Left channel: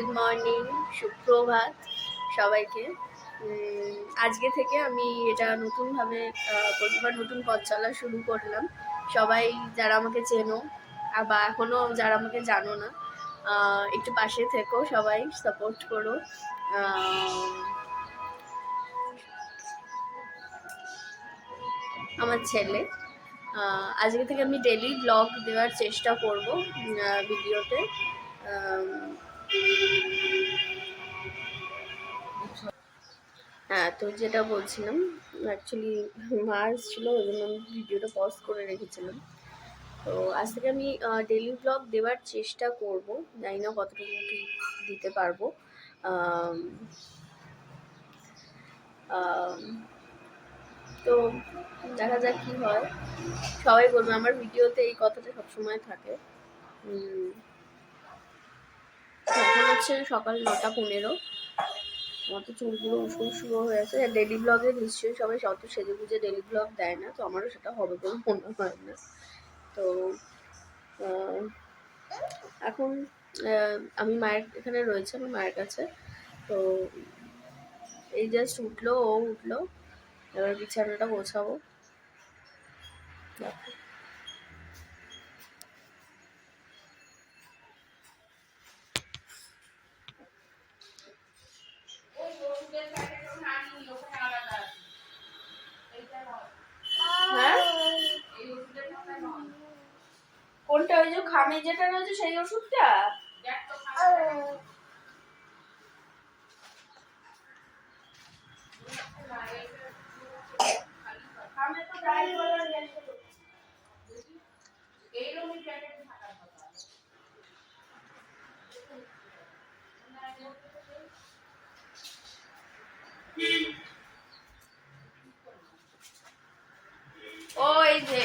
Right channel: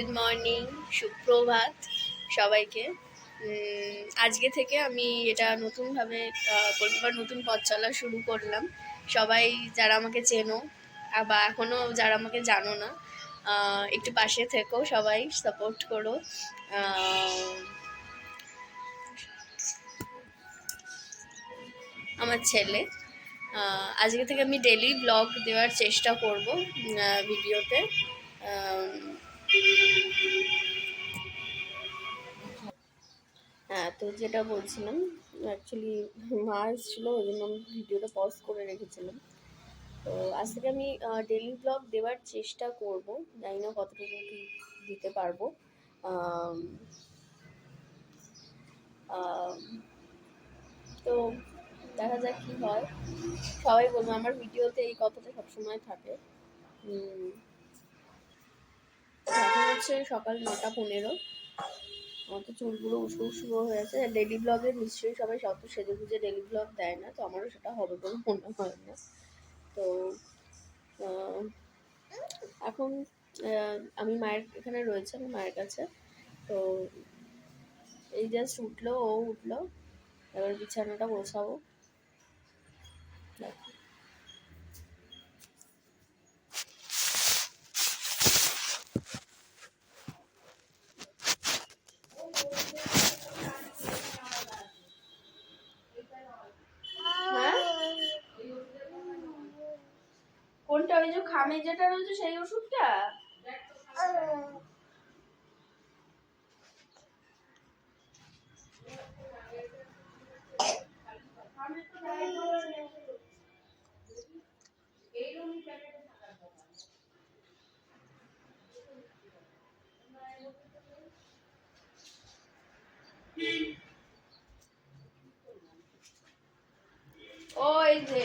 Good morning, সুপ্রভাত সবাইকে। আজকে থেকে আমি এটা নতুনভাবে প্রতিবার নতুন পথ চলা শুরু করলাম। সবাই যারা আমাকে চেনো বা এখনও যারা আমাকে জানো না, একটু পাশে থেকো, সবাই সাপোর্ট করো। আমার ছেলে, আজকে থেকে আমি ডেলি ব্লগ দেওয়ার চেষ্টা করব ভিডিওতে। হ্যাঁ, তো যেটা বলছিলাম, অ্যাকচুয়ালি মা এসেছিল, ওই জন্য আমি ভিডিওটা পজ করে রেখেছিলাম। তো আজ থেকে আমি ডেলি ব্লগ দেওয়ার চেষ্টা করব, জানি না কতটুকু কি দিতে পারবো। তো দেখা যাক কী হয়। সবাই বলবে আমার ভিডিওতে এই কথাটা সবসময় থাকে। এখন হচ্ছে সকাল 9:15। আমার তো চুলগুলো উস্কো হয়ে আছে। ডেলি ব্লগে নিশ্চয়ই সবাই অত সেজে গুজে ডেলি ব্লগ দেয় না, তো আমারও সেটা হবে বলে মনে হয় না। তো এখন আমি মায়ের এখানে রয়েছে, আমার মায়ের কাছে। তো এই জাস্ট উঠলো, ও উঠলো, এবার বিছানাটা গোছাবো। দেখো কোনটা, ওই যে খামে যেটা রয়েছে সেই ওষুধটা? খামে তো যাই বলার এইরকমই প্যাকেটে থাকার কথা। ও এই যে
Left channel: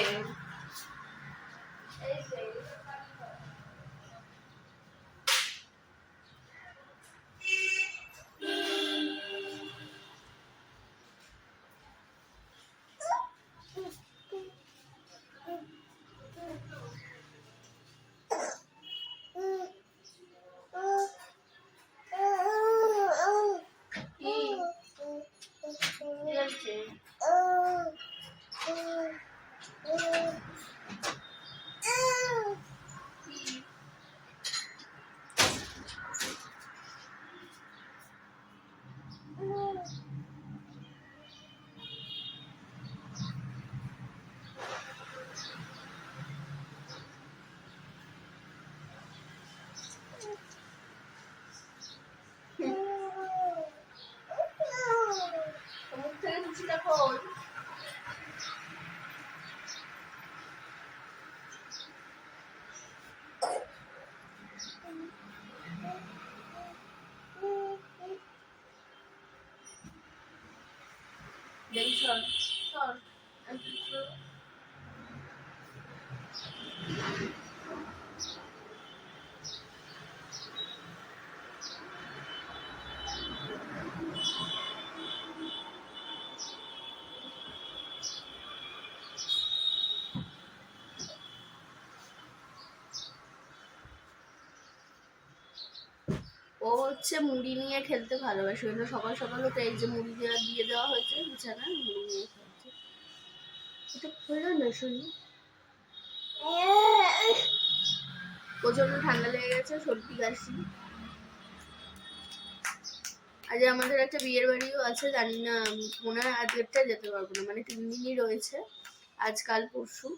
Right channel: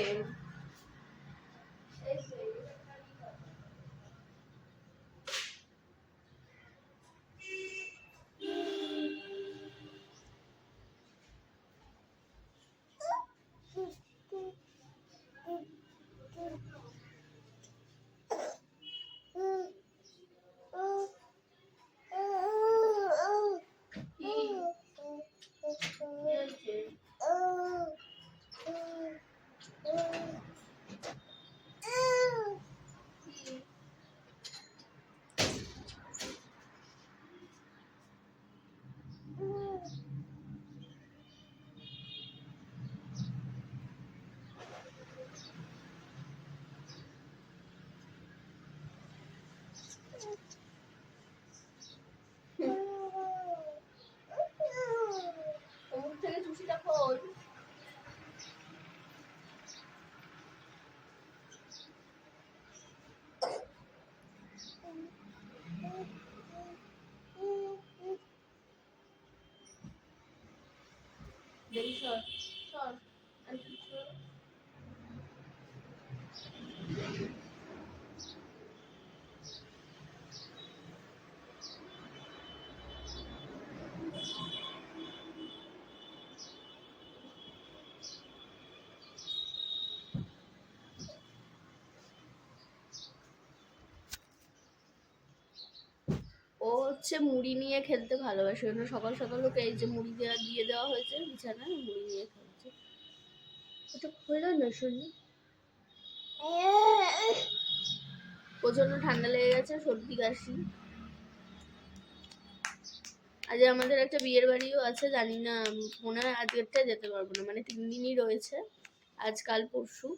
ও হচ্ছে মুড়ি নিয়ে খেলতে ভালোবাসে, ওই সকাল সকাল ওকে এই যে মুড়ি দিয়ে দেওয়া হয়েছে বিছানায়, মুড়ি নিয়ে খেলছে। এটা হলো না, শুনি প্রচন্ড ঠান্ডা লেগে গেছে, সর্দি কাশি। আজ আমাদের একটা বিয়ের বাড়িও আছে, জানি না, মনে হয় আজকেরটা যেতে পারবো না, মানে 3 দিনই রয়েছে, আজকাল পরশু।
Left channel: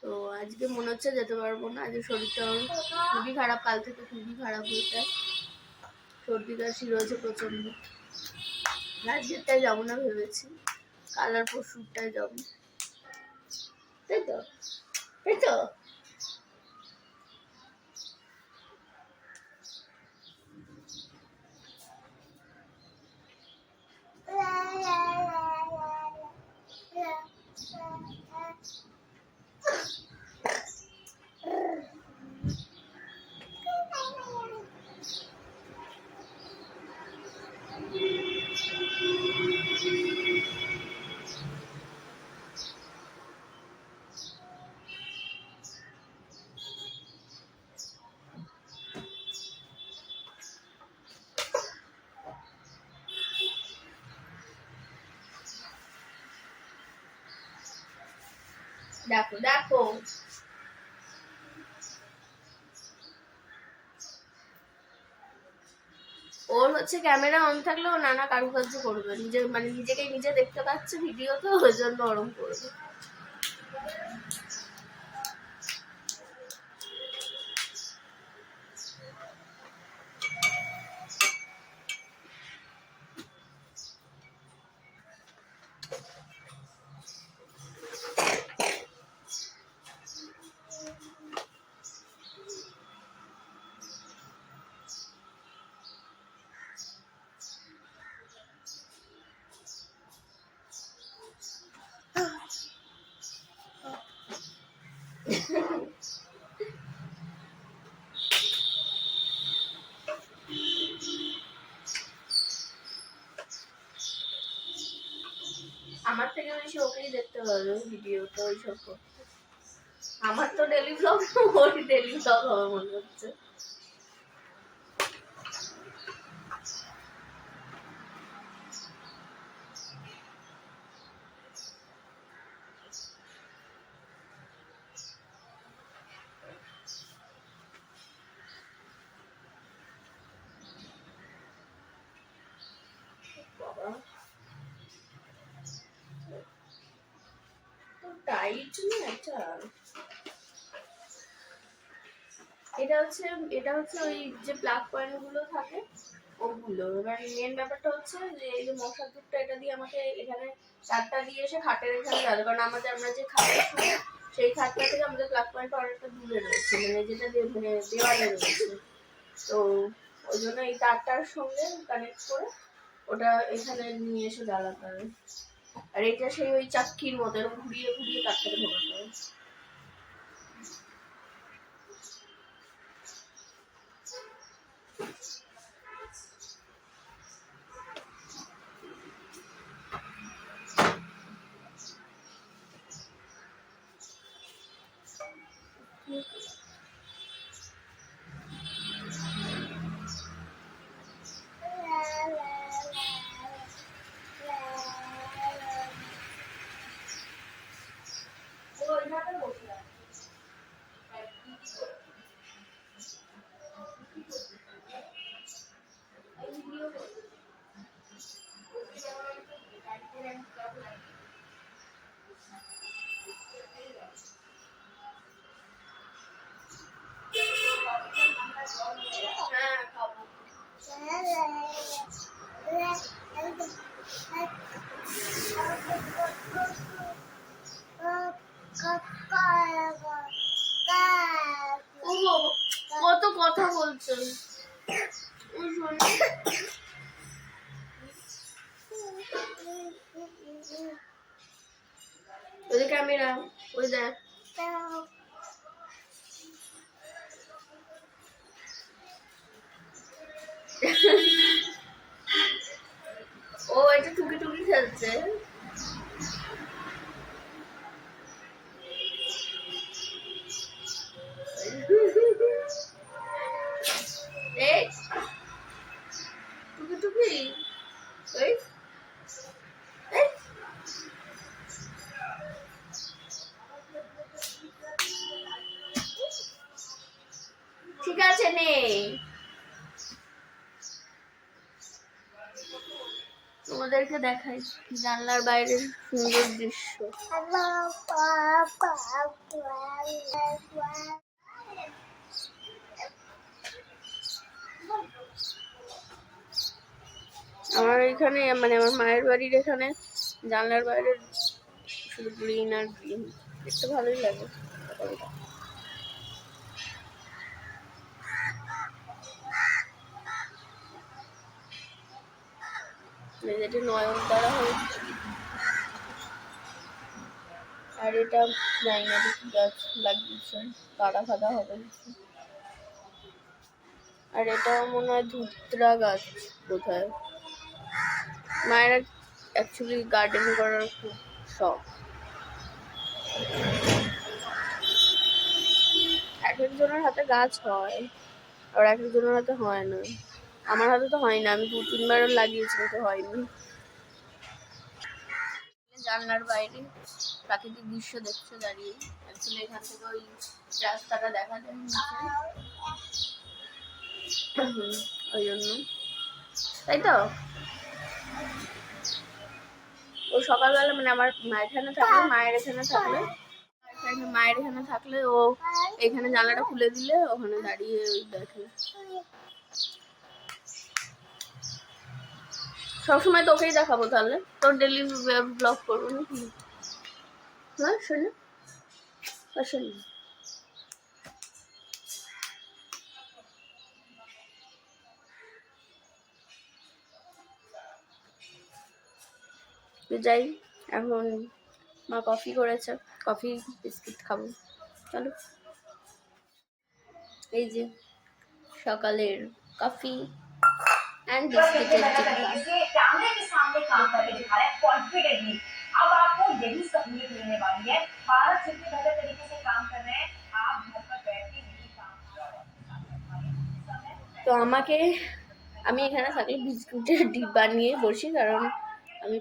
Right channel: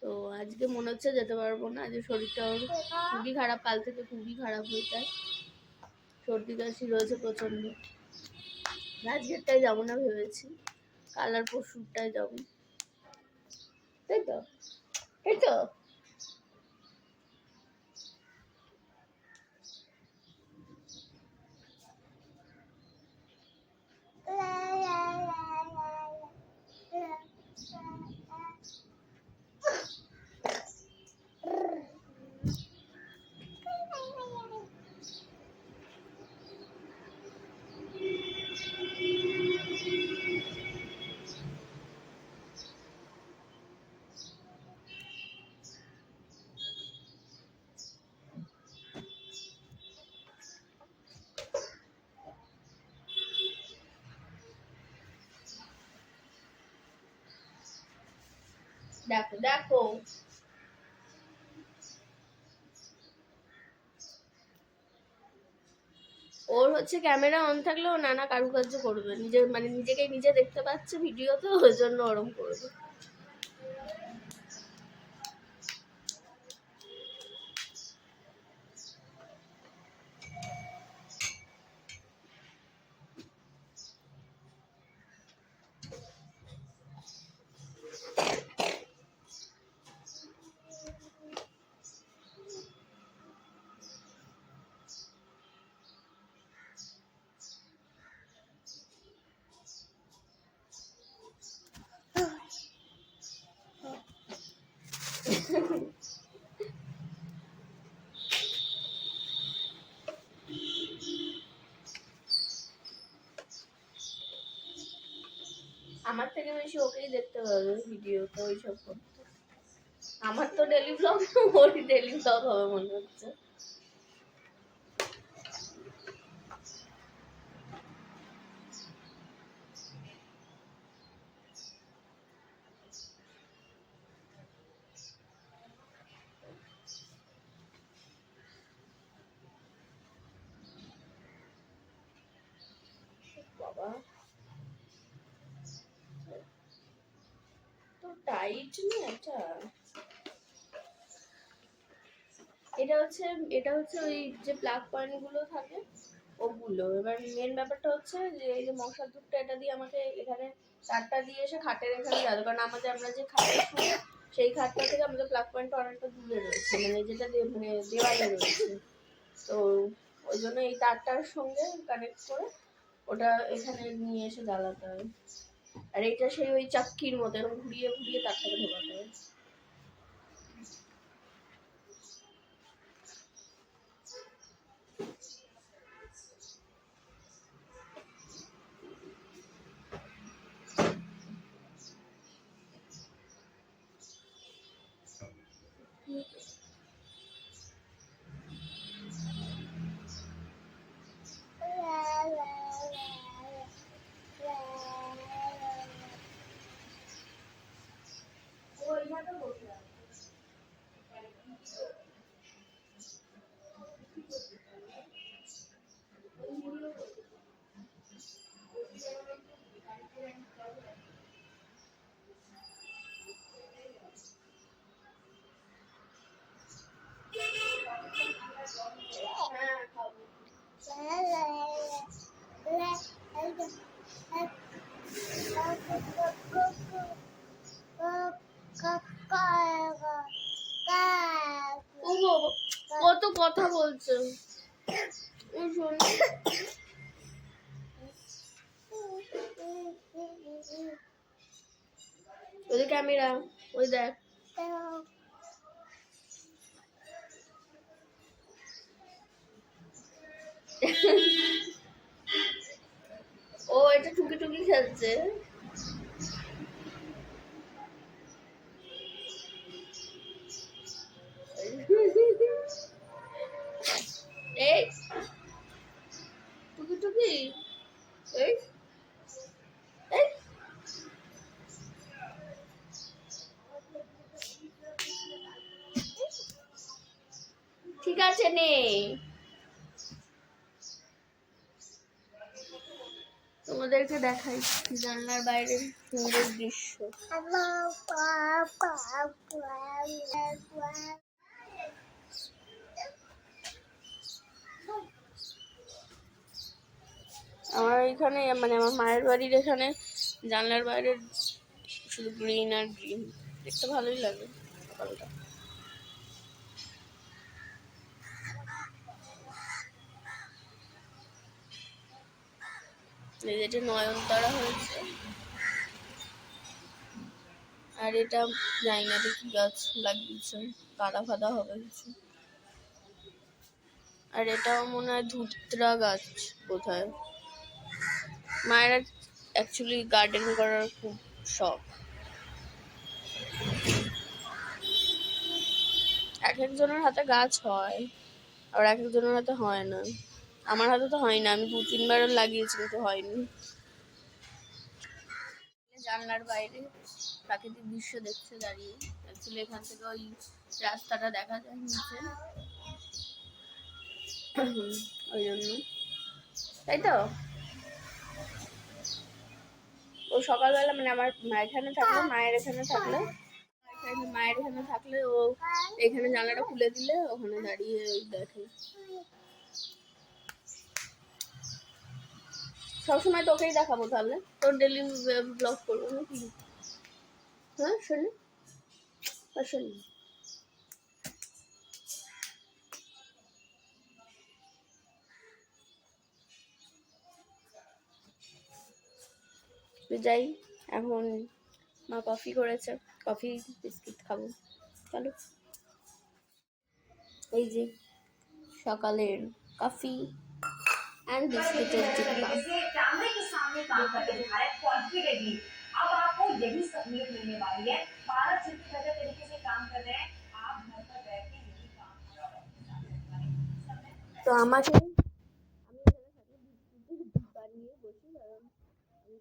তো আজকে মনে হচ্ছে যেতে পারবো না, আজকে শরীরটা খুবই খারাপ, কাল থেকে খুবই খারাপ হয়ে যায়, সর্দি কাশি রয়েছে প্রচন্ড। আজকেরটায় যাবো না ভেবেছি, কাল আর পরশুটায় যাবো, তাই তো, তাই তো। দেখো দেখো, ওর হচ্ছে ক্যামেরা অন থাকলেও নানা কারুকার্য করবে, নিজে মানে নিজেকে নিজে দেখতে পাচ্ছে ভিডিও, তো ওই জন্য ওরম করবে। আমার থেকে বেশি ওকেই দেখতে পারবে ভিডিও, তো ওইসব করতে। আমার তো ডেলি ব্লগ, ওর ডেলি ব্লগ হবে মনে হচ্ছে। বাবা তো টাইট না এটা। এটা হচ্ছে ওই যে প্লাগ পয়েন্ট গুলো থাকে ওগুলো। এবার মেন ব্যাপারটা হচ্ছে যে এই যে মশার ধূপটা, এটা দিয়ে আমাকে এখানে তারটা দিয়ে এসে খাটের এখানে গেল, কারণ আমরা যে খাটে শুই সেই খাটটা থেকে আমাদের প্লাগ পয়েন্ট অনেকটা দূরে রয়েছে, মানে যেটা মানে দেওয়ালে রয়েছে। তো ওই জন্য এই তারটার সঙ্গে কানেক্ট করে ওটা এখানে নিয়ে এসে জ্বালাতে হবে। আর এটা সেই ওই চাক্কির মতো ঘুরিয়ে ঘুরিয়ে তারটাকে ঢোকাতে হবে। কত কথা বলছো ওই ক্যামেরা, ওই দেখ ও এটা টুকি টুকি খেলছে। এই টুকি টুকি এই ঠিক আছে নেই, তোমাদেরকে দেখাই জানলার বাইরের সুন্দর দৃশ্য। আমার এখানে মানে আমার মায়ের বাড়ির এখানে জানলার বাইরের শুধু গ্রিন আর গ্রিন, দেখতে ভালোই লাগে। এটা নয়নতারা হয়েছে, আর এটা জানি না কি গাছ লাগিয়েছে, কাদা ফাদা হবে কিছু। আর এটা মনে হয় ধুতরা গাছ কোথায়। মায়ের অ্যাকচুয়ালি গার্ডেন করার খুব শখ। এক একজনের হাতে গাছ হয় আর এক একজনের হাতে হয় না। আমার হাতে তো হয় না, আমি 2-3 বার লাগিয়েছি কিন্তু হয়নি। জানলার বাইরে প্রাকৃতিক দৃশ্য দেখছে দাঁড়িয়ে। অ্যাকচুয়ালি এখান থেকে ওই রাস্তাটা দেখা যায় নিচে, ওই জন্য। তাই তো ও সকালবেলা মানে আমার মায়ের এখানে থাকলে ও এখানে জানলাটা খুলে দিলে ওখানে দাঁড়িয়ে ওই দেখে। সবসময় তোকেই দেখাবো তাহলে, তোর ডেলি ব্লগ করবো নাকি? হ্যাঁ শোনো, শোনো যাই, এখন মা কফি করেছে, কফি বিস্কিট খাবো, চলো। এই যে সকালের কফি एंड कैमरे के सामने काम करके दिखा रहे हैं कॉन्फिडेंटली। अब आपको यही सहूलियत मिलने वाली है। 12 शिफ्ट बेहतर तरीके से काम कर रहे हैं। आप घर पर बैठ के यही काम कर रहे हैं। तो আমাকে আমি এখানে থাকলে বিস্কুটের ডিব্বা নিয়ে বসি, কারণ আমি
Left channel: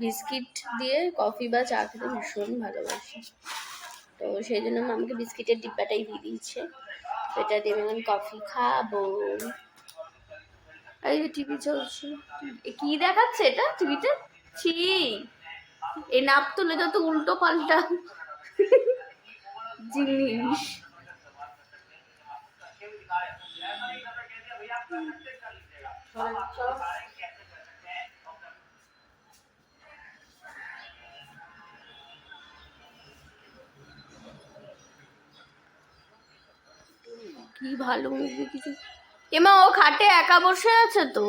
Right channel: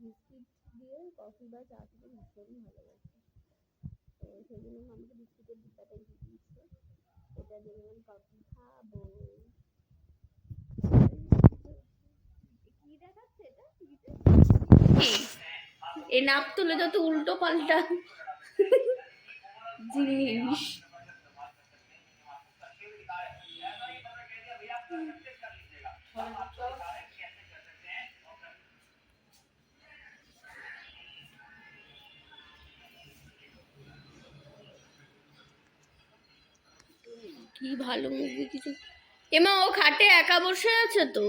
বিস্কিট দিয়ে কফি বা চা খেতে ভীষণ ভালোবাসি। তো সেই জন্য আমাকে বিস্কিটের ডিব্বাটাই দিয়ে দিয়েছে, এটা দিয়ে আমি কফি খাবো। এই যে টিভি চলছে, কি দেখাচ্ছে এটা টিভিতে? ছি, এই নাপ তুলে যত উল্টো পাল্টা জিনিস। কি ভালো মুভি কিছু। এমা ও খাটে একা বসে আছে তো,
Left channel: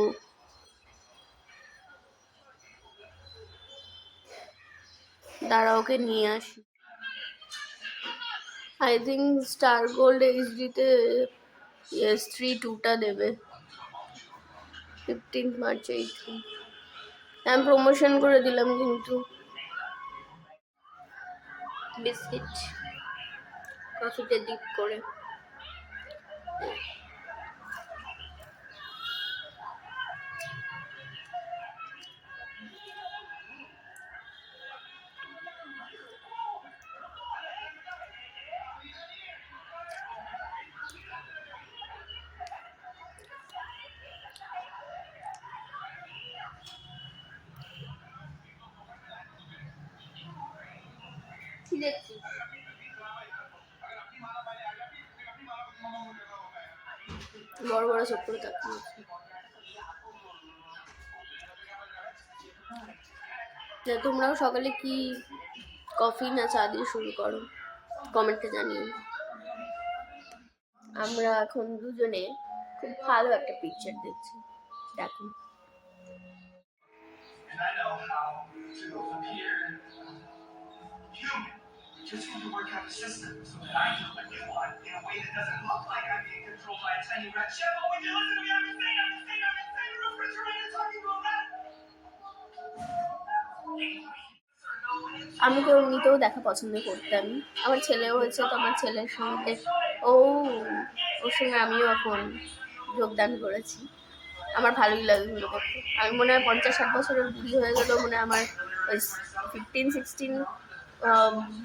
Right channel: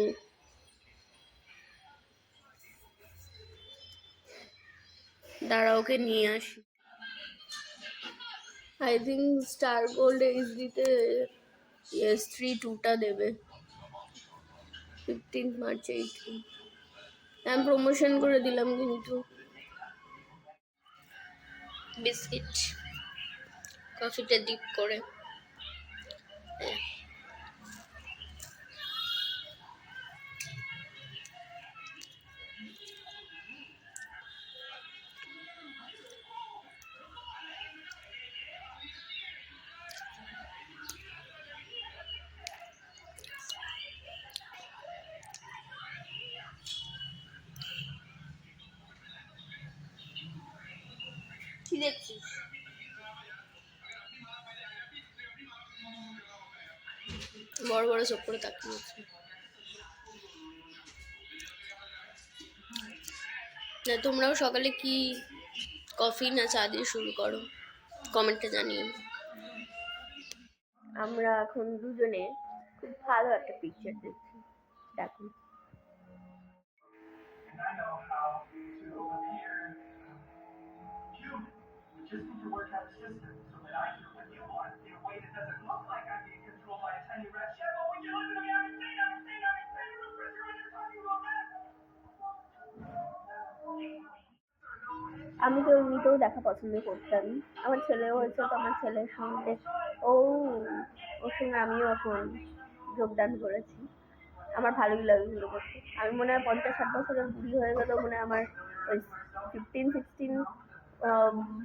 দাঁড়া ওকে নিয়ে আসি। আই থিঙ্ক স্টার গোল্ড এইচডিতে S3-2টা দেবে 15 মার্চ। আমি প্রমোশন করে দিলাম কিন্তু। বিস্কিট কফিটা ডিপ করে কি দেখছিস? বড় বড় সব করে তাকিয়ে আছে। তোমরাও সকালে কি কফি না চা দিয়ে শুরু করো, কমেন্টে জানিয়ে। আমরা এখন দুজনে খুব ভালো একটা পিকচার দেখছি, দেখুন। Just need to work out a system so that I do what you want in a way that doesn't look like I'm being controlled by a tiny red chef. Oh, would you listen to me? I'm insane, a refrigerator talking about that. আমি তো এমনিতেও দেখা পছন্দ করতাম, আমার ছেলেও হয়েছে, তো আমার ছেলের সঙ্গে ওর সঙ্গে আমিও এখন যোগদান করেছি। আমার ভালোই লাগে এগুলো করতে। আমি মনে হয় 50-60 বছরের বুড়ি হয়ে গেলেও মনে হয় আমার ওই 15-16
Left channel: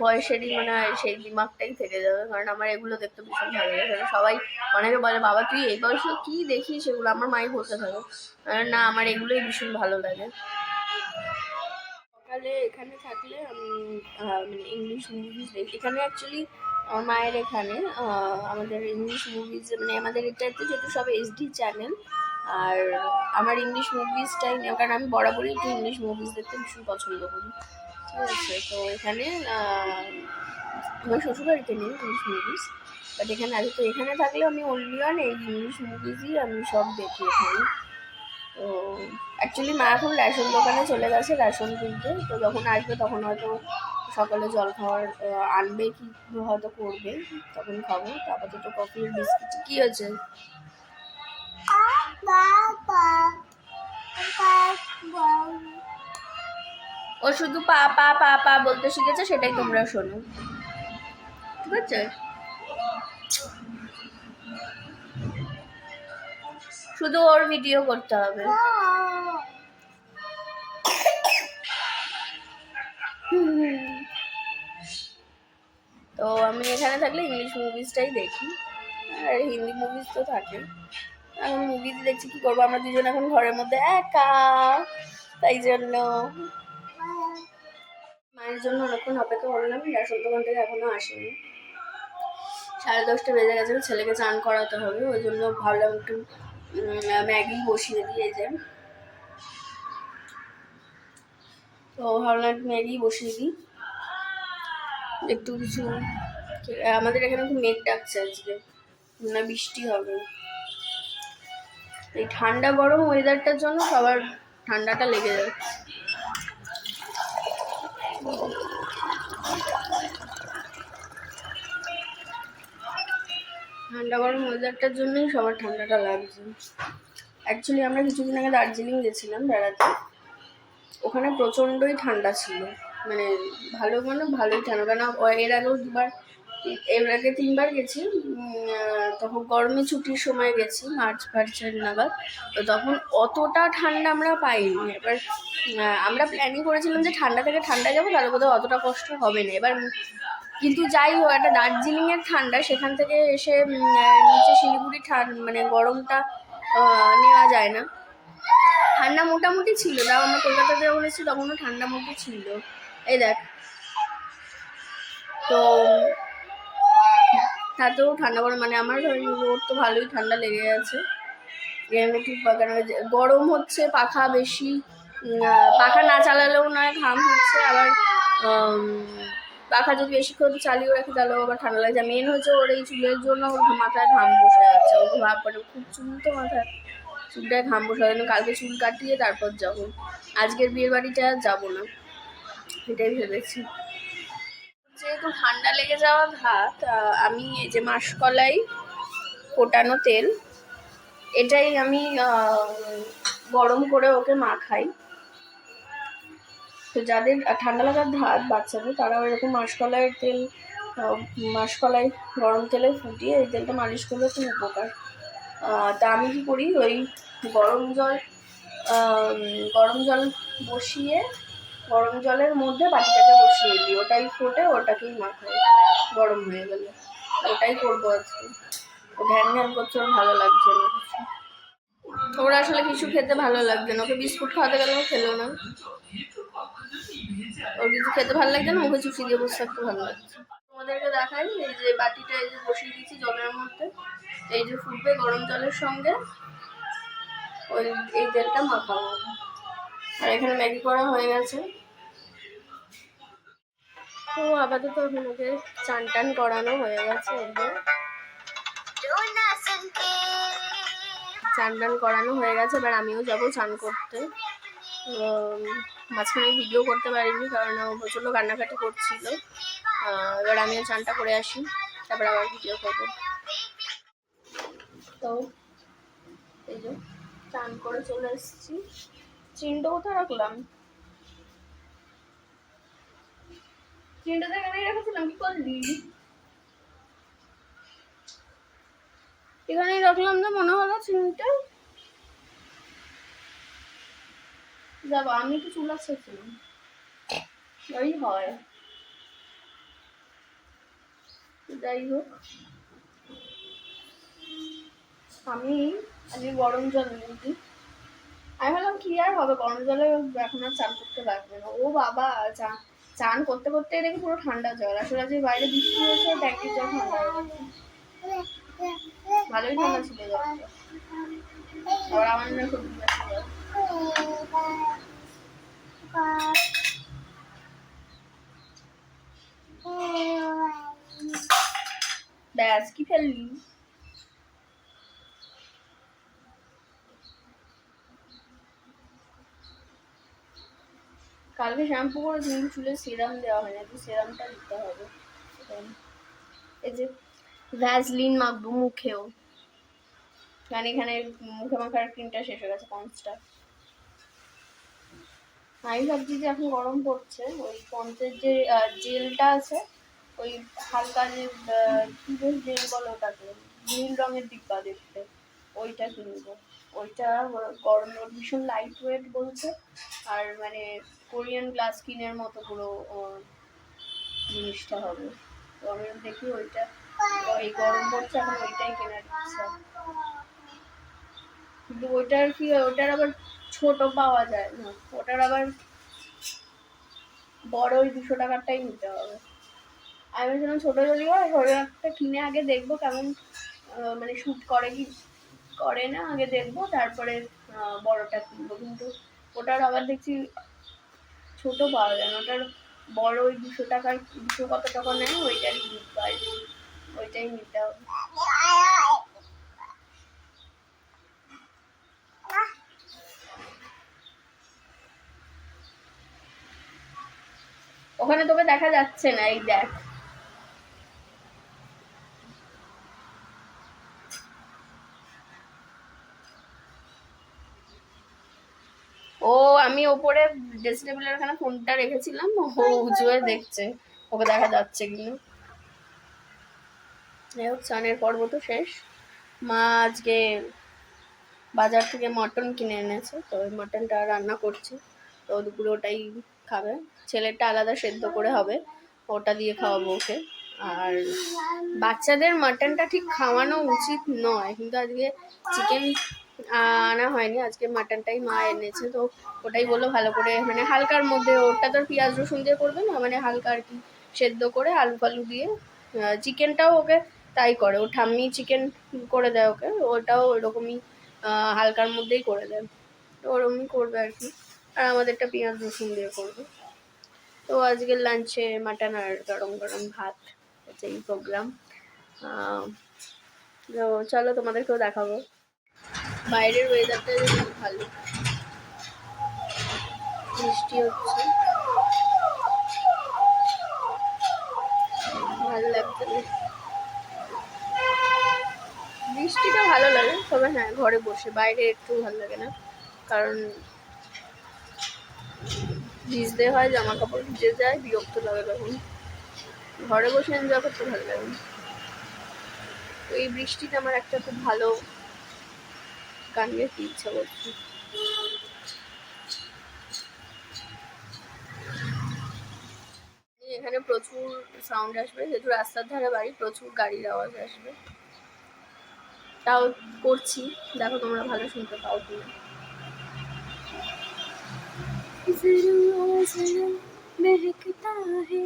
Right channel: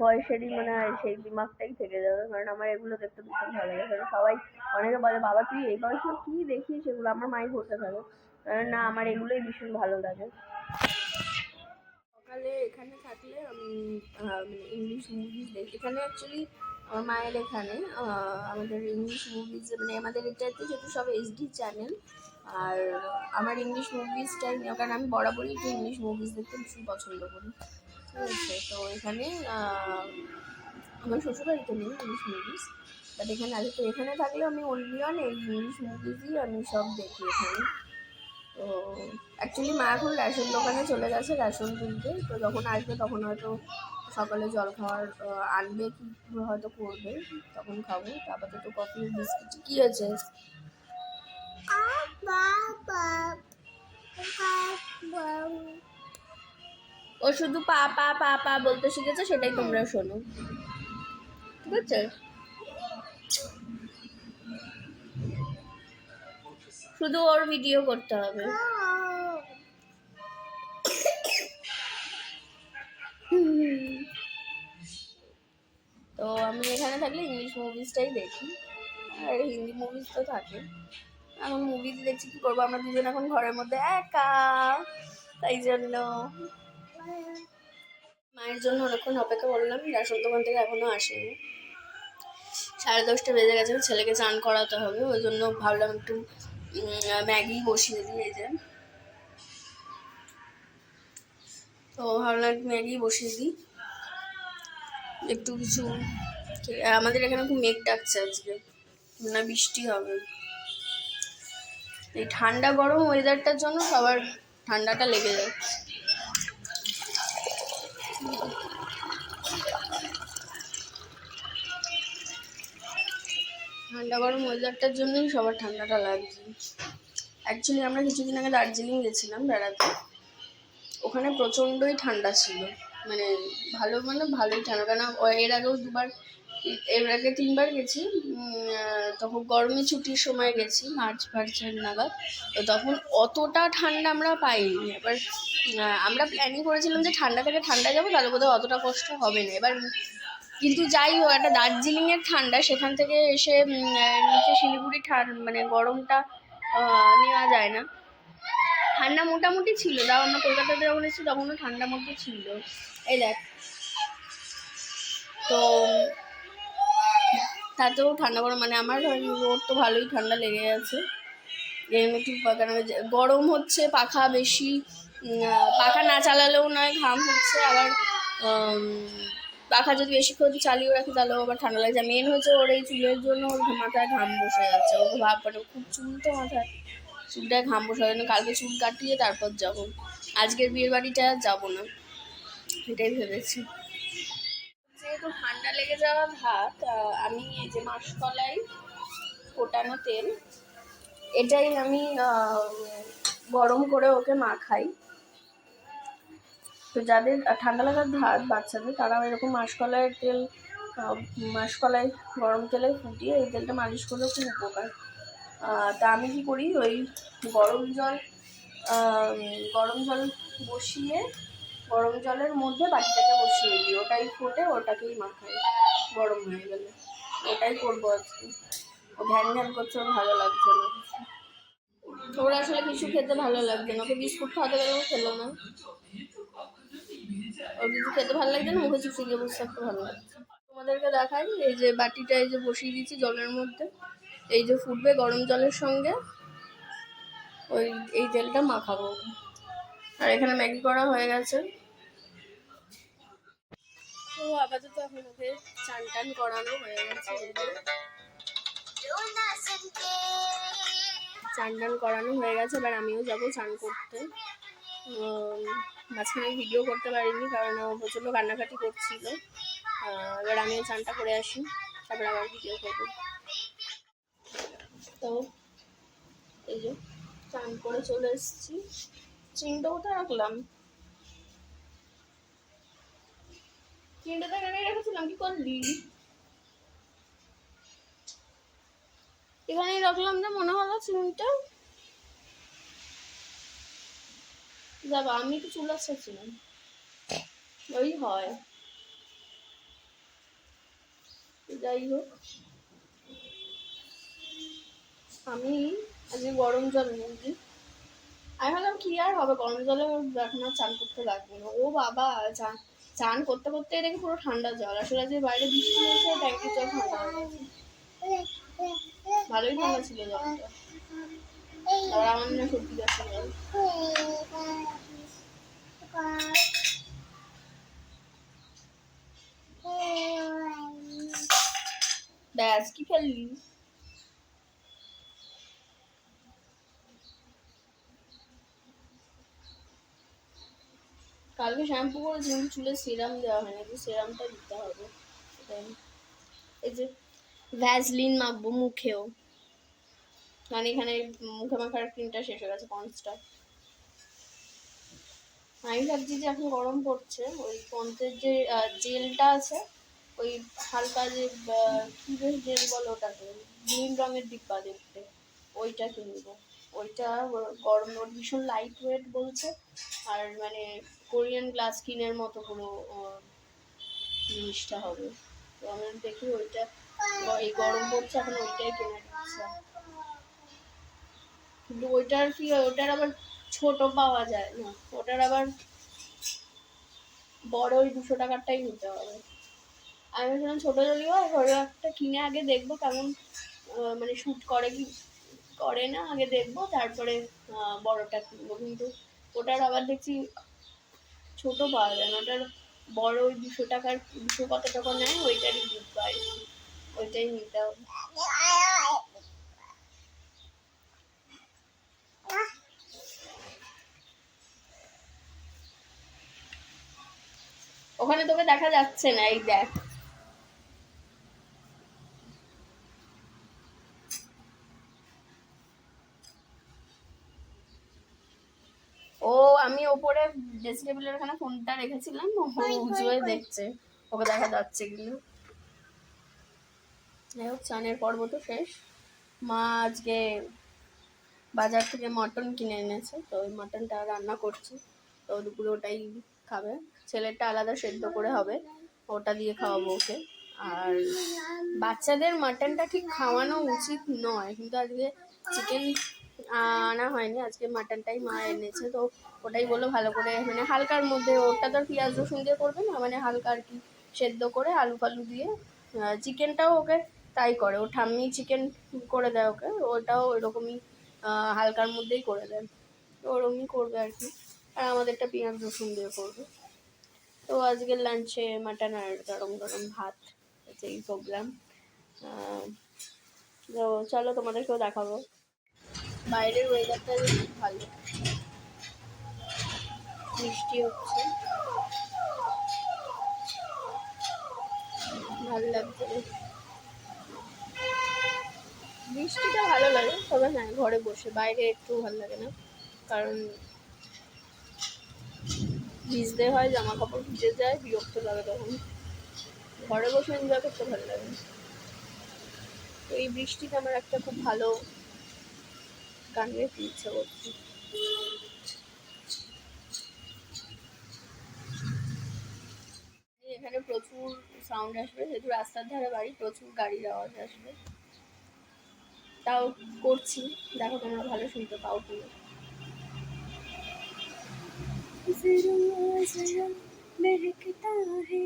বয়সেরই মনে হয় সেই দিমাগটাই থেকে যাবে, কারণ আমার এগুলো দেখতে ভীষণ ভালো লাগে। সবাই অনেকে বলে বাবা তুই এই বয়সে কী দেখিস সেগুলো, আমার মাই বলতে থাকে না, আমার এগুলোই ভীষণ ভালো লাগে। সকালে এখানে থাকলে আমি ইংলিশ মুভিজ দেখি। এখানে অ্যাকচুয়ালি আমার মায়ের এখানে আমাদের ইংলিশ মুভিজ মানে আমাদের এটাতে যেহেতু সব HD চ্যানেল, আর আমার ইংলিশ মুভিজটাই নেই, কারণ আমি বরাবরই একটু ইংলিশ মুভিজ দেখতে ভীষণ পছন্দ করি, ঠিক আছে। তো এখানে আমার শ্বশুরবাড়িতে নেই ইংলিশ মুভিজ, বাট এখানে আছে। তো এখানে থাকলেও আমি অনলি অন এই ইংলিশ মুভিজই আমি সব দেখি এখানে। তো অ্যাকচুয়ালি মা এখন রেশন দোকানে চলে গেছে রেশন কিনতে, তো যখন আসবে তখন হয়তো সকালে জল খাওয়ার আনবে কি হয়তো করবে, তখন খাবো। তারপর তো কফি বিস্কিট। কি হচ্ছে? ও শুধু পা পা পা পা বলতে শিখেছে, সেটাই তোমরা শোনো, ঠিক আছে? শুধু ওর ভিডিও করতে হবে। তো আমি এখানে থাকলে ইংলিশ মুভিজটাই দেখি, আর হিন্দি মুভিজ তো থাকে। এখন মুভিজ দেখছি, কি করবো, আমরা দুজন এখন ঘরের মধ্যে একা, তাই জন্য মায়ের জন্য অনেকক্ষণ অপেক্ষা করলাম। রেশন দোকান থেকে এখনো আসেনি, 10:30 বেজে গেছে। ছেলেকে চান করাতে হবে, ওই জন্য ভাবলাম একটু ম্যাগি বসিয়ে দিয়ে যায়। তো ভাবলাম ম্যাগি বসিয়ে দিই, একটু কিছু। আমাদের এখানে খুব মেঘ ডাকছে আজকে, না বৃষ্টি হবে। এই ঠান্ডা গরম ওয়েদারটার জন্য সবার ঠান্ডাটা লেগে যাচ্ছে। ঠান্ডা গরম ওয়েদারটার জন্যই সবার ঠান্ডাটা লাগছে। অ্যাকচুয়ালি আমরা কিছুদিন আগে দার্জিলিং গেছিলাম বেড়াতে, ওখানে প্রচণ্ডই ঠান্ডা ছিল, মানে ভালোই ঠান্ডা। কেন এর আগেও এর আগে 3বার গেছি, তখন গরমে ছুটির সময় গেছি, মার্চের নাগাদ। তো তখন অতটা ঠান্ডা আমরা পাইনি। এবার আমরা প্ল্যানিং করেছিলাম যে ঠান্ডা থেকে ঠান্ডায় যাবো, তাহলে কোথাও অতটা কষ্ট হবে না। এবার কিন্তু যাই হোক, একটা দার্জিলিংয়ের ঠান্ডা, সেখান থেকে এসে নিচে শিলিগুড়ি মানে গরমটা নেওয়া যায় না। ঠান্ডা মোটামুটি ছিল, তাও আমরা কলকাতাতে যখন এসেছি তখনও ঠান্ডা মতো ছিল। এই দেখ, তো তাতেও ঠান্ডা গরম, মানে আমার ওর তো ভালোই ঠান্ডা লেগে গেছে। গরম হচ্ছে, পাখা বেশি, পাখা না চালালেও নয়, ঘাম হচ্ছে। আবার পাখা যদি বেশিক্ষণ চালিয়ে রাখি তাহলেও আবার ঠান্ডা লাগছে। মেন হচ্ছে ওর এই চুলের জন্য মাথায় ঘাম বসে যাচ্ছে। ও ভাব পড়ে, খুব চুল তো মাথায়, চুলটায় ঘাম বসে যাচ্ছে। কালকে চুল কাটিয়ে তারপর যাবো, আজকের বিয়ের বাড়িটা যাবো না, এটাই ভেবেছি। যেহেতু ঠান্ডা লেগে যাওয়া ভাত, আমি এই যে মাসকলাই ফোটানো তেল, এটাই আমি গরম করে ওকে মাখাই। তো যাদের ঠান্ডা লাগার ভাত বাচ্চাদের, তারাও এরকম মাসকলাই গরম তেলে ফুটিয়ে এই তেলটা মালিশ করলেও খুব উপকার। তা আমি কী করি, ওই গরম জল বসিয়ে, গরম জলের মধ্যে বাটিটাকে বসিয়ে দিই, ওটাই ফোটে, ওটাকেই মাখাই গরম হয়ে গেলে। ওটাই করবো আজকে। ও ঘ্যান করছে, ওর ভালো লাগছে না কিছু। ওর আসলে কিছু খেতে ভালো লাগছে না, ওকে বিস্কুট খাওয়াতে গেলেও খেলো না। ওর কিছু খেতে ভালো লাগছে না, ওকে চুষি দিয়ে বসে থাকতে ভালো লাগছে। তোমাদেরকে দেখাই, এই যে বাটিটা এই যে বসিয়ে দিচ্ছি জলের মধ্যে, এই যে ফুটবে গরম জলের সঙ্গে এই তেলটা মাখাবো। আর এখানে ম্যাগি করা হয়ে গেছে। তো আপাতত এখন ওকে চান টান করানো হয়ে গেছে, এই যে চান টান করানো হয়ে গেছে। এবার আমিও যাবো চান করতে। মাঝখানে ভিডিও করতে পারিনি, কারণ ও প্রচণ্ড কান্নাকাটি করছিল। এবার আমিও চানটা করে আসি, তারপর আবার ভিডিও করবো। তো এই যে চান করে চলে এসেছি। চিনটা কোথায় রাখলাম, চিনটাতে এখানে রেখেছিলাম, কি করলি? এখানেই রাখলাম না, মনে হলো চিনটা। যাবো, আমি তো চুল আসছিলাম, ওই হয়। যাই হোক, আমি আজকে গরম জল নিয়েছি। আমি ভাবলাম কি আর হবে, গরম জলে এখন আর চান করতে লাগবে না। ও বাবা, চান করতে করতে দেখি পুরো ঠান্ডা জল। আসলে আজকে বাইরে বৃষ্টি হয়েছে, ট্যাঙ্কির জল ঠান্ডা হয়ে গেছে। ভালোই ঠান্ডা ছিল জলটা। আর আমার না সত্যি ব্যস্ত জল। ব্যাস, কি ফেললি? কালকে শ্যাম্পু করেছি, কিন্তু চুলে সিরাম দেওয়া হয় না, সিরামটা দিতে হবে। এই যে ভ্যাসলিন মাখবো মুখেও, কারণ এখানে মুখে মাখার ক্রিমটা শেষ হয়ে গেছে, পন্সটা। আমি ভাবছি যে এখন গরম পড়ছে, ওই পন্সের যে জেলটা আছে, ওই হালকা যে কি বেশ জেল বলো ওটাকে, নীল রঙের ডিব্বা দেখতে, ওইটা কিনবো। ওইটা গরম ভীষণ লাইট ওয়েট বলছে, আর মানে কোরিয়ান গ্লাস স্কিনের মতো পুরো জিনিসটা হবে। তো আমি দেখি ওইটা, এই গরম পড়ছে এখন ওইটাই কেনার ইচ্ছা। কিন্তু ওইটার কি, ওটার আবার ছোট পাওয়া যায় না, ওটার আবার বড় ওই 200 টাকারটাই নিতে হবে। আমি ভেবেছিলাম ছোট যদি হয় ঘরে একটা কিনে আগে দেখবো কেমন মানে শ্যুট করে কি করে না, আগে দেখবো তারপরে বড়টা কিনবো। কিন্তু ওটার আবার দেখছি ছোট পাওয়া যায় না, ওটার বড় ওই 200 টাকার, 200 কত টাকা নেয় ওইটারই পাই, ওইটাই নিতে হবে। ওখানে তোকে দেখা যাচ্ছে না, এই দেখ। ও আমি ওপরে ড্রেসিং টেবিলের ওখানে ফোনটা রেখেছিলাম, ও উঁচু হয়ে দেখছে ওকে দেখা যাচ্ছে কিনা। যাই হোক, স্নানের পর্ব তো শেষ। মা আজকে বাজার থেকে মটন কিনে এনেছে, তো ওই মটনটা রান্না করছে, তো দুপুরে ওটাই খাবে। ছেলেটা আলাদা সেদ্ধ করে হবে, ওটা দিয়ে খাওয়াবো ওকে। আর বাচ্চাদের মাটনটা ঠিক খাওয়ানো উচিত নয়, কিন্তু আজকে চিকেন আনা হয়নি, আজকে মাটনটাই মা এনেছে, তো ওটাই বললো ভালো করে মানে হালকার মধ্যে, ওটা তো পেঁয়াজ রসুন দিয়ে করবে না, মানে হালকা আর কি সেদ্ধ করে আলু ফালু দিয়ে। চিকেনটাও ওকে তাই করে, ও ঠাম্মি চিকেন করে দেয় ওকে, ওটাও ওরকমই হালকার মধ্যেই করে দেয়, তো ওরকমই করবে আর কি। আর আমাদেরটা পেঁয়াজ রসুন দিয়ে করবে। তো আজকের লাঞ্চে মাটন আর গরম গরম ভাত, হচ্ছে এই প্রোগ্রাম। তো চলো তোমাদেরকেও দেখাবো। বাইরের ওয়েদারটা খুব ভালো, বৃষ্টি হচ্ছে, ভালো লাগছে। বৃষ্টিটা ভালো লাগে, তবে হ্যাঁ ঘরে বসে, বাইরে একটু ভালো লাগে না, কারণ ভিজতে হয়, জামা কাপড় ভিজে যায়, বিরক্ত লাগে তখন। ঘরে বসে এনজয় করতে ভালো লাগে। তো এই বৃষ্টিতে আমার একটা খুব ভালো গান গাইতে ইচ্ছা করছে। এখানে প্রচুর সাউন্ড আসবে, যেহেতু রাস্তার ধারে বাড়ি, প্রচুর গাড়ির আওয়াজ আসবে, তাও করছি, দেখো তোমরা ভালো শুনতে পাও কিনা। महकता है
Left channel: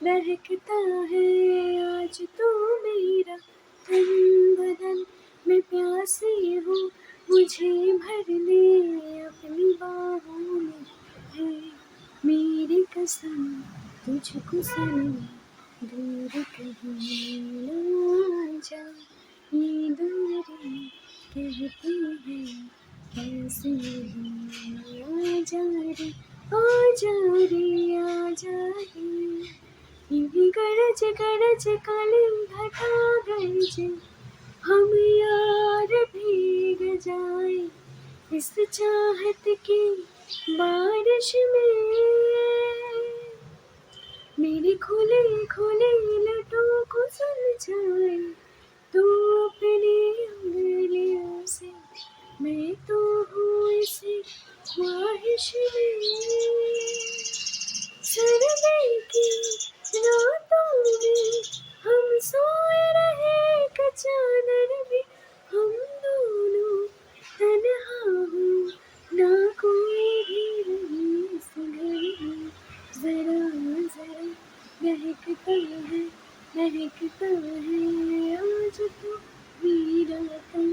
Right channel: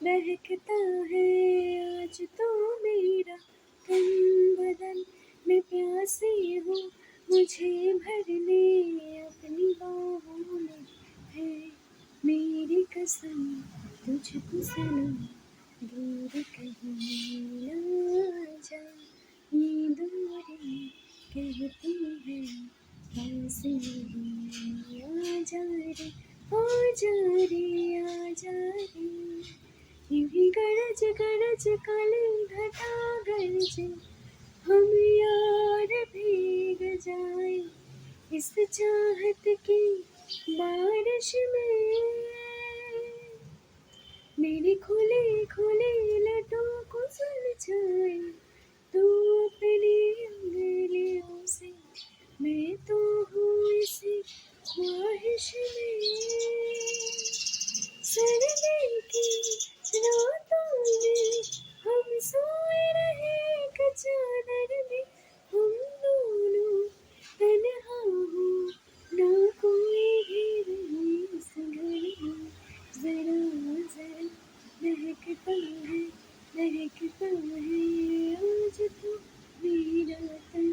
महकता है आज तो मेरा तन बदन, मैं प्यासी हूँ मुझे भरने अपनी बाहों में है मेरी कसम, तुझको सनम दूर कहीं ना जा, ये दूरी कहती है कैसी आजा रे आजा रे आजा रे, यूं ही गरज काली घटा गरजे, हम यार भीग जाए इस चाहत की बारिश में, मेरे खुले खुले लटों को सुलझाए तो अपनी उंगलियों से, मैं तो हूँ इसी ख्वाहिश में, सर्दी की रातों में हम सोए रहे चादर में, हम दोनों तन्हा हो ना कोई भी रही इस घर में, जरा जरा महकता है आज तो मेरा तन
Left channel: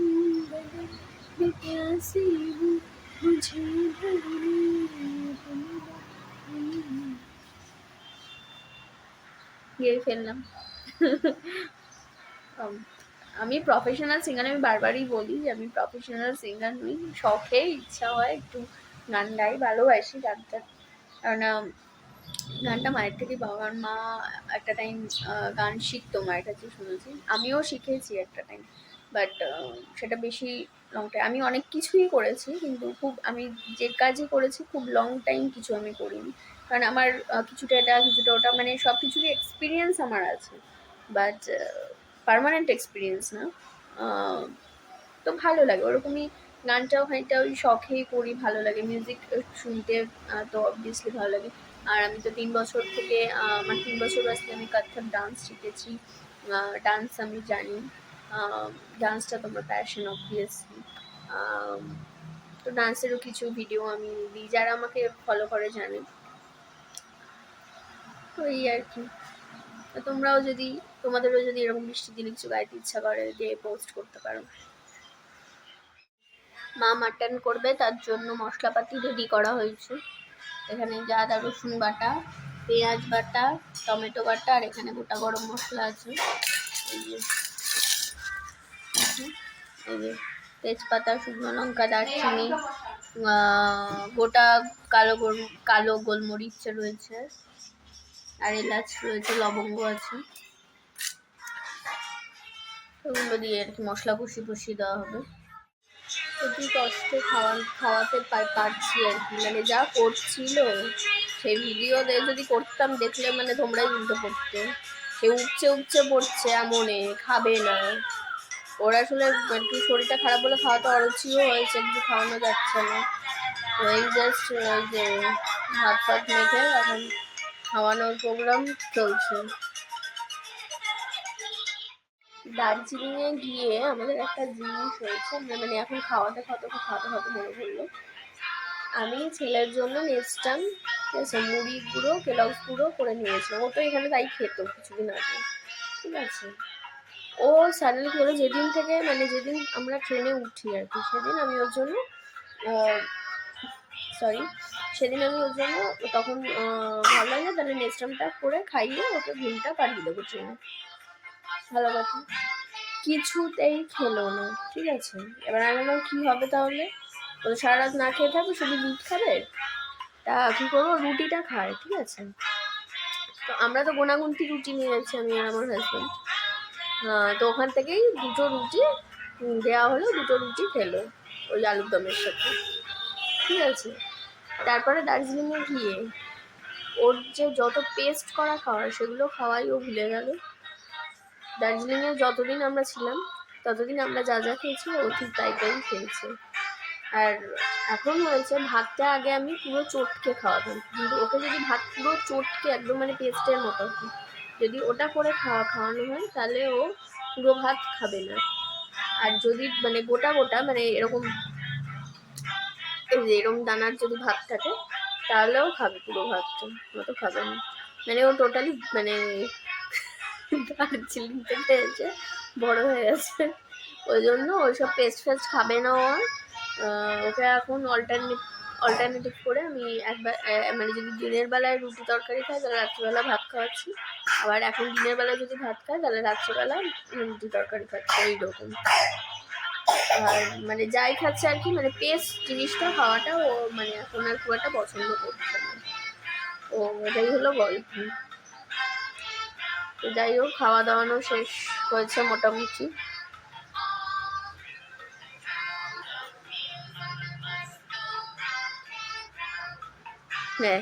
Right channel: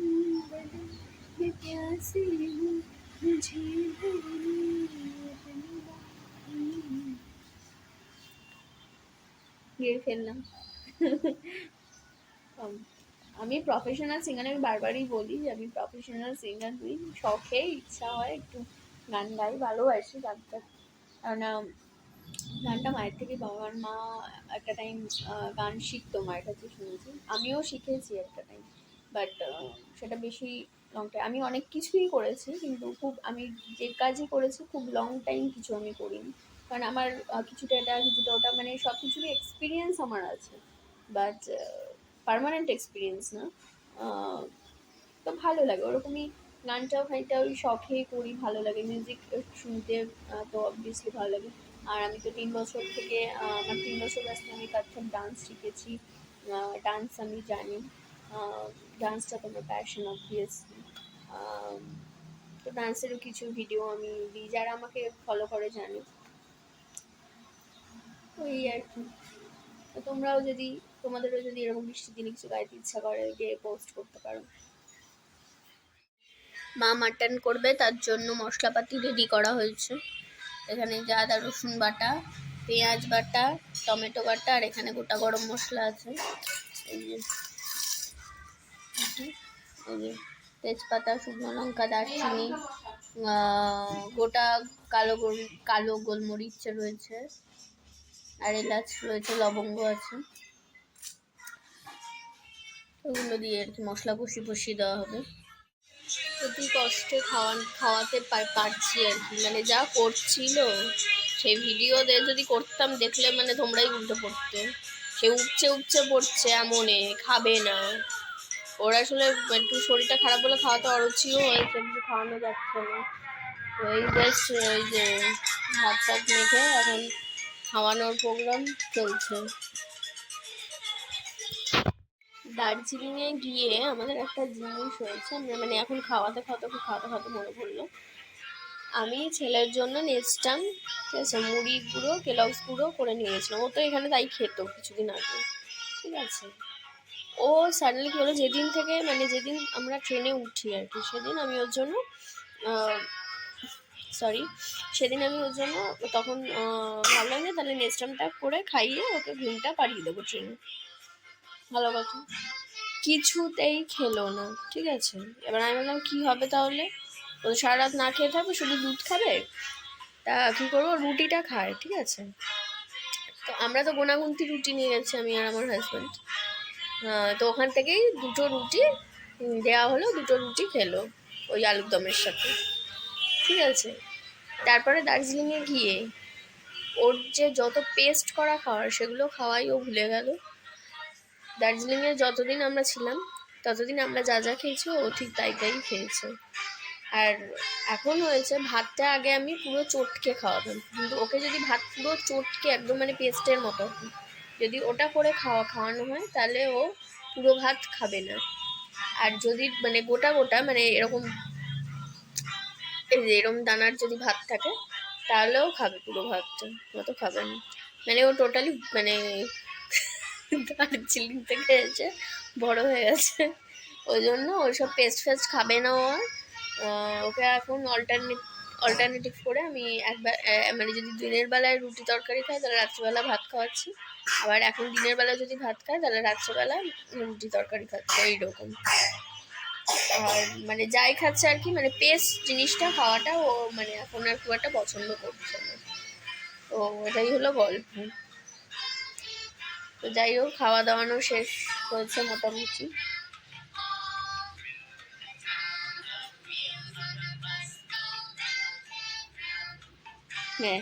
बदन, मैं प्यासी हूँ मुझे भरने গিয়ে ফেললাম। আমি প্রফেশনাল সিঙ্গার, আমি বারবারই বলি যে আমি প্রফেশনাল সিঙ্গার নই, শখে ইচ্ছা হয় একটু গান গাই, ভালোবাসি গানটা, কারণ গানটা মায়ের থেকেই পাওয়া, কারণ মা একটা টাইম গান শিখতো মায়ের কাছে, শুনেছি, আমিও শিখেছি একটা টাইম, বাট সেটা বেশি লং টাইম, আমি অনেক কিছুই করেছি, কিন্তু খুব আমি যে কাজই করেছি খুব লং টাইম কিছু আমি করিনি, কারণ আমার কিছুটা এটা কিছুটা ওটা, মানে সব কিছুরই এক্সপিরিয়েন্স আমার আছে, বাট পার্মানেন্ট এক্সপিরিয়েন্স না। তো ভালো লাগে ওরকমই, গানটাও খানিকটা ওই শখেই করি, ভালো লাগে মিউজিক শুনতে, তো অবভিয়াসলি ভালো লাগে। আর আমি তো 3 বছর থেকে আমার 3 বছর বয়সে আমি কত্থক ডান্স শিখেছি, ডান্স আমি জানি, ডান্সটা তো আমার প্যাশন অবভিয়াসলি। তো ডান্সেরও কিছু ভিডিও আমি দিই, যারা আমাকে ফলো করে জানে। তো এই আর কি, তোমরাও যদি, তোমাদেরও যদি এরকম বৃষ্টির দিনে কিছু গাইতে ইচ্ছা করে, দিয়ে পোস্ট করতে পারো। মা মাটন করবে, তার জন্য মশলাপাতি রেডি করা হয়েছে। এখানে আদা রসুন বাটা, পেঁয়াজ বাটা, টমেটো বাটা, আর এখানে গোটা গরম মশলা আছে, এই যে তেজপাতা, শুকনো লঙ্কা, দারচিনি, গোটা কালো গোলমরিচ রয়েছে, আর এলাচ রয়েছে, লবঙ্গ আছে। ওগুলো দিয়ে আর কি মশলা কষিয়ে দেওয়া হবে। অতি কষ্টে খাওয়াতে পারছি আর কি, মানে যা করছিল সেই ভিডিও যদি করতাম, দেখলে মানে তোমরাই উল্টে পড়তে। সে উপচে পড়ছে, এমনে খাবে না। ওর আসলে একটু শরীরটা খারাপ বলে খাওয়াতে অরুচিও হয়েছে, কিন্তু খাওয়ানো যাচ্ছে না। ওই জাস্ট যে ভাত মেখে এখন খাওয়ানোর প্রোগ্রাম চলছে। দার্জিলিংয়ে গিয়ে আমাদের একটা জিনিস হয়েছে, মানে এখন খাওয়াতে মনে পড়লো, আমি ছেলের জন্য নেস্টাম, ঠিক আছে, মুড়ি গুঁড়ো, কেলগস গুঁড়ো করে নিয়েছিলাম। ও তো এখানে তাই খেত কিছুদিন আগে, ঠিক আছে। ও সাডেনলি কি হলো, যেদিন থেকে মানে যেদিন আমরা ট্রেনে উঠি আর কি, সেদিন আমি ওর জন্য তখন ভাবলাম যে তাহলে নেস্টামটা করে খাইয়ে ওকে ঘুমটা পাড়িয়ে দেবো ট্রেনে। ভালো কথা, কিছুতেই খেলো না, ঠিক আছে। এবার আমি বললাম কী হবে তাহলে, ও সারা রাত না খেয়ে থাকবে, শুধু দুধ খাবে, তা কী করবো, রুটিটা খায়, ঠিক আছে। তো আমরা তো গোনাগুনতি রুটি নিয়ে যাচ্ছি, আমি আর আমার হাজব্যান্ড। তো ওখান থেকেই 2টো রুটি দেওয়া হলো, 2টো রুটি খেলো ওই আলুর দমের সাথে, ঠিক আছে। তারপরে দার্জিলিংয়ে গিয়ে ওর যে যত পেস্ট করা খাওয়ার, সেগুলো খাওয়াই ও ভুলে গেল। দার্জিলিংয়ে যতদিন আমরা ছিলাম ততদিন আমরা যা যা খেয়েছি ও ঠিক তাই খেয়েছে। আর এখন হয়েছে, ভাতটা আগে আমি পুরো চটকে খাওয়াতাম, কিন্তু ওকে যদি ভাত পুরো চটকে একদম মানে পেস্টের মতো যদি ওটা করে খাওয়ানো হয়, তাহলে ও পুরো ভাত খাবে না। আর যদি মানে গোটা মানে এরকম দানার যদি ভাত থাকে, তাহলেও খাবে পুরো ভাতটা, অত খাবে না। মানে ও টোটালি মানে দার্জিলিং থেকে এসে বড় হয়ে গেছে, ওই জন্য ওইসব পেস্ট খাবে না। ওকে এখন অল্টারনেটিভ করে আমি একবার মানে যদি দিনের বেলায় রুটি তরকারি খাই, তাহলে রাত্রিবেলা ভাত খাওয়াচ্ছি, আবার এখন দিনের বেলা যদি ভাত খাই, তাহলে রাত্রিবেলা রুটি তরকারি খাচ্ছি, এইরকম। আর মানে যাই খাচ্ছে আর কি, মানে পেস্ট জিনিসটা খাওয়াটা ও মানে এখন আর খুব একটা পছন্দ করছে না। তো এটাই হলো গল্প। যাই হোক, খাওয়া দাওয়ানো শেষ হয়েছে মোটামুটি। হ্যাঁ,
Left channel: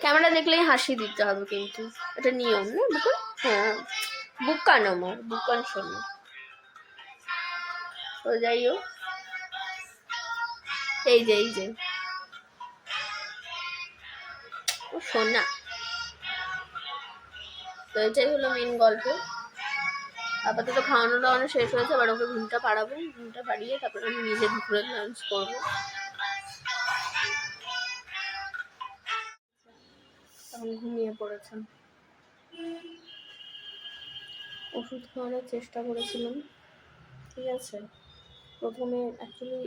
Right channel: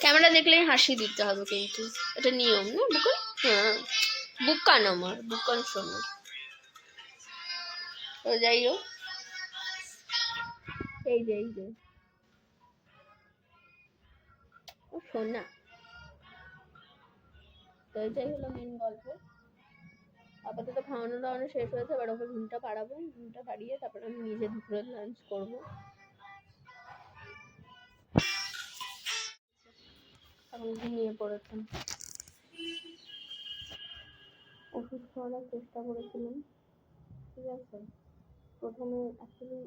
ক্যামেরা দেখলেই হাসি দিতে হবে, কিন্তু এটা নিয়ম না বুকান। হ্যাঁ, বুকান আমার বুকান শোনো। তো যাই হোক, এই যে ও শোনা। তো এটাই হলো মেন গল্প। আপাতত খাওয়ানো দাওয়ানো শেষ হয়েছে, এবার ওকে ঘুমটা পাড়াবো, ঘুমটা পাড়িয়ে তারপরে আমি নিজে দুপুরে লাঞ্চ করবো। এখন ঘুমিয়ে পড়েছেন। ওষুধ খাওয়ানোর চেষ্টা করেছিলাম, ঠিক আছে। প্রথমে অ্যাকচুয়ালি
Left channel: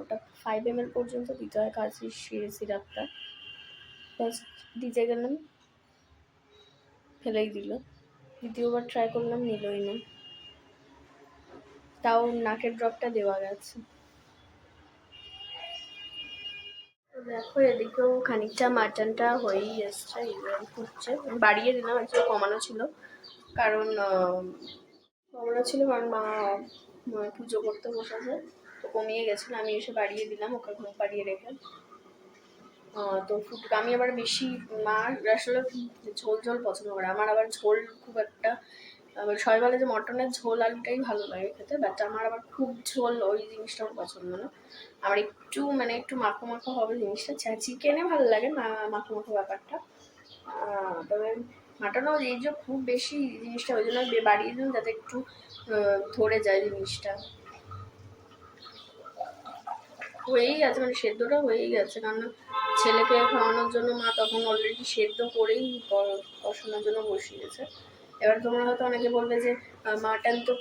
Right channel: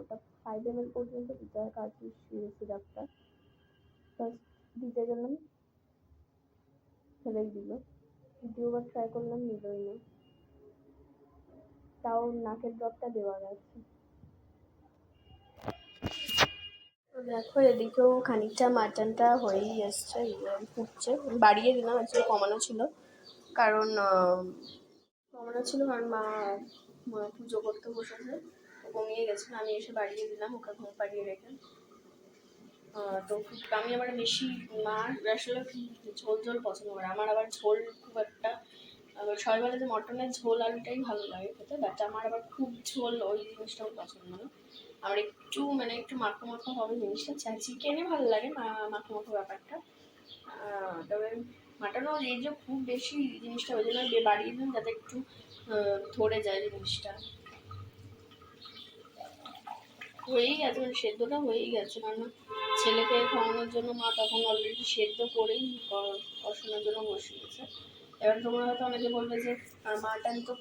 ওটা 5 ml পর্যন্ত দিতে হয়, কাশির সিরাপটা। ফার্স্ট দিতে গেলাম, ফেলেই দিল। দ্বিতীয়বার ট্রাই করলাম, নিলই না। তাও নাকের ড্রপটা দেওয়া গেছে। দেখো, এদিকেও খানিকটা মাটনটা হয়েই এসছে, ফুটছে। বাড়িয়ে দিলাম, আজকে কমানো ছিল কারণ মা পুজো করতে বসেছে, তো কমিয়ে গেছিলো। আমি এসে বাড়িয়ে দিলাম, ওকে ঘুম পাড়িয়ে রেখে। তো আমি আবার বেশি, মা আসলে ঝোল পছন্দ করে, আমার আবার ঝোল খুব একটা আবার সবাই বলে যে মটনের ঝোল আলুটাই ভালো লাগে খেতে, বাট আমার আবার খুব ঝোল ওই জিনিসটা আমার পছন্দ না। আমার একটু মানে একটু মাখো মাখো হবে জিনিসটা। চিকেনে ভালো লাগে মাখো মাখো ব্যাপারটা, তবে মাটনও এই যে খুব বেশি জিনিসটা ওই জন্য বাড়িয়ে দিন যাতে একটু ধরে যায় জিনিসটা। হয়েই গেছে, মানে সেদ্ধটা হয়েই গেছে, কারণ ছেলেকে খাওয়ানোর জন্য মা তখন অলরেডি সেদ্ধ করেই কষানোর জন্য বসিয়েছে। এবার তোমরা হয়তো অনেকে বলবে যে মাটন তো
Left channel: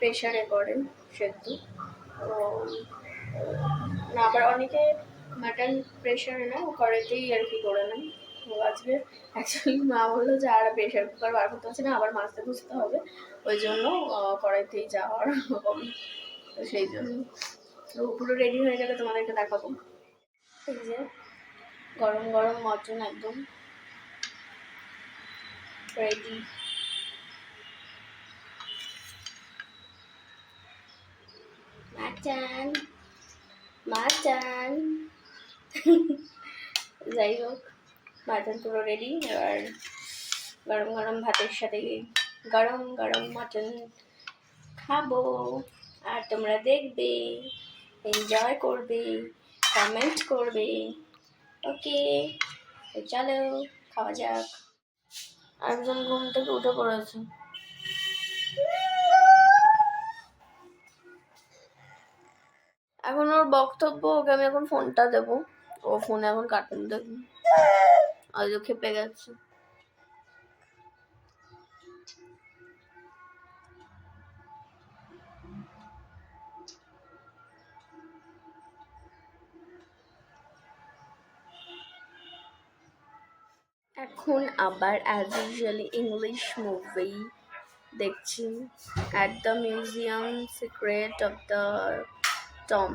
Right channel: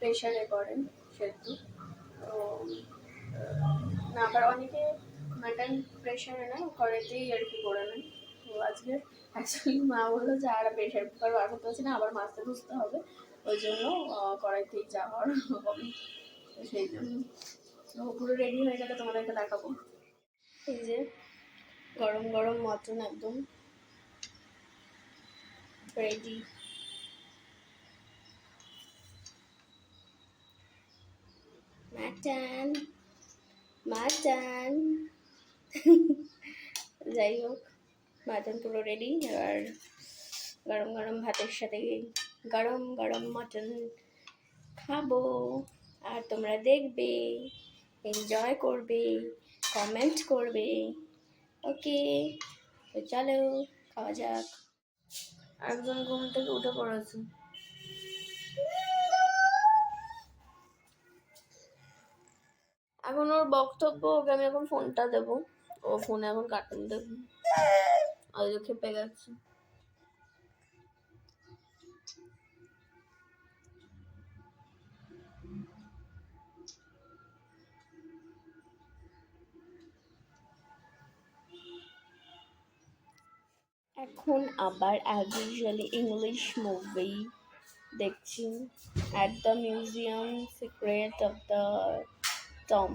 প্রেশারে করে সেদ্ধ, তো না, আবার অনেকে মাটন প্রেশারে না কড়াইতেই আর কি করে নেয়। তো আজকে অ্যাকচুয়ালি মা বললো যে আর প্রেশার কুকার বার করতে হচ্ছে না, আবার মাছতে খুঁজতে হবে, ওই জন্য কড়াইতেই যাওয়ার হবে, তো সেই জন্য। তো পুরো রেডি হয়ে গেলে তোমাদেরকে দেখাবো। এই যে গরম গরম মটন একদম রেডি। মাটন মাটন যাই হোক, মাটন পুরো রেডি। এবার গরম গরম ভাতের সাথে গরম গরম মটন খাবো, আর তোমরা দেখবে, এনজয় করবে, কমেন্ট করবে। ওকে, তো চলো খাওয়া যাক। একজন ঘুম থেকে উঠে পড়েছে। এখন ওর বক্তব্য, ওকে আমি এখন ফোনটা দেবো, ও ফোনে এখন কার্টুন দেখবে, আজ খেপে গেছে। এখন আবার অ্যাজ ইউজুয়ালি ইংলিশ মুভি দেখছি, at the museum secret of the Tom.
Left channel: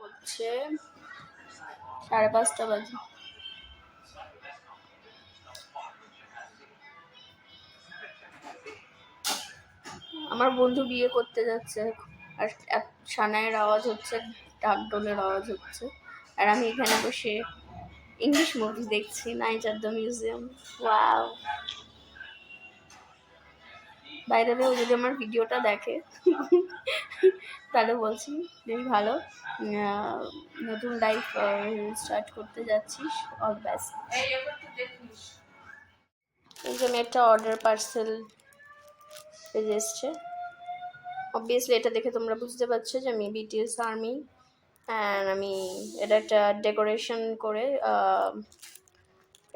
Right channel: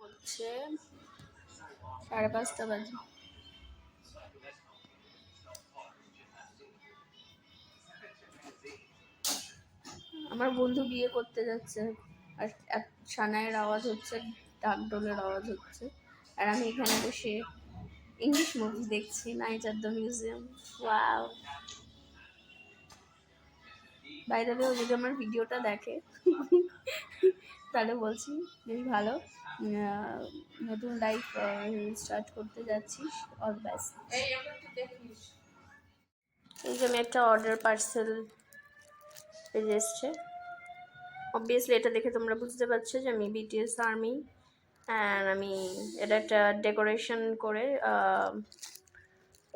হচ্ছে 5:30 বাজে। আমার বন্ধু বিয়ে করতে যাচ্ছে, আর সানাইয়ের আওয়াজ হচ্ছে, ঢাকঢোলের আওয়াজ হচ্ছে, আর আমি এখানে বসে ইংলিশ মুভি দেখছি, night at the museum. Wow, বাইরে ও যদি আমার ভিডিওটা দেখে তাহলে বলছি বেশ ভালো, নতুন লাইফ স্টার্ট করতে যাচ্ছিস, অল বেস্ট। এই যে আমি একটা অর্ডার পার্সেল পেয়ে এসছে, অবভিয়াসলি এটা দেখে তোমরা বুঝতে পারছো যে আমি বিটিএস আর্মি, অ্যান্ড আমি এটা একটা ডেকোরেশন করে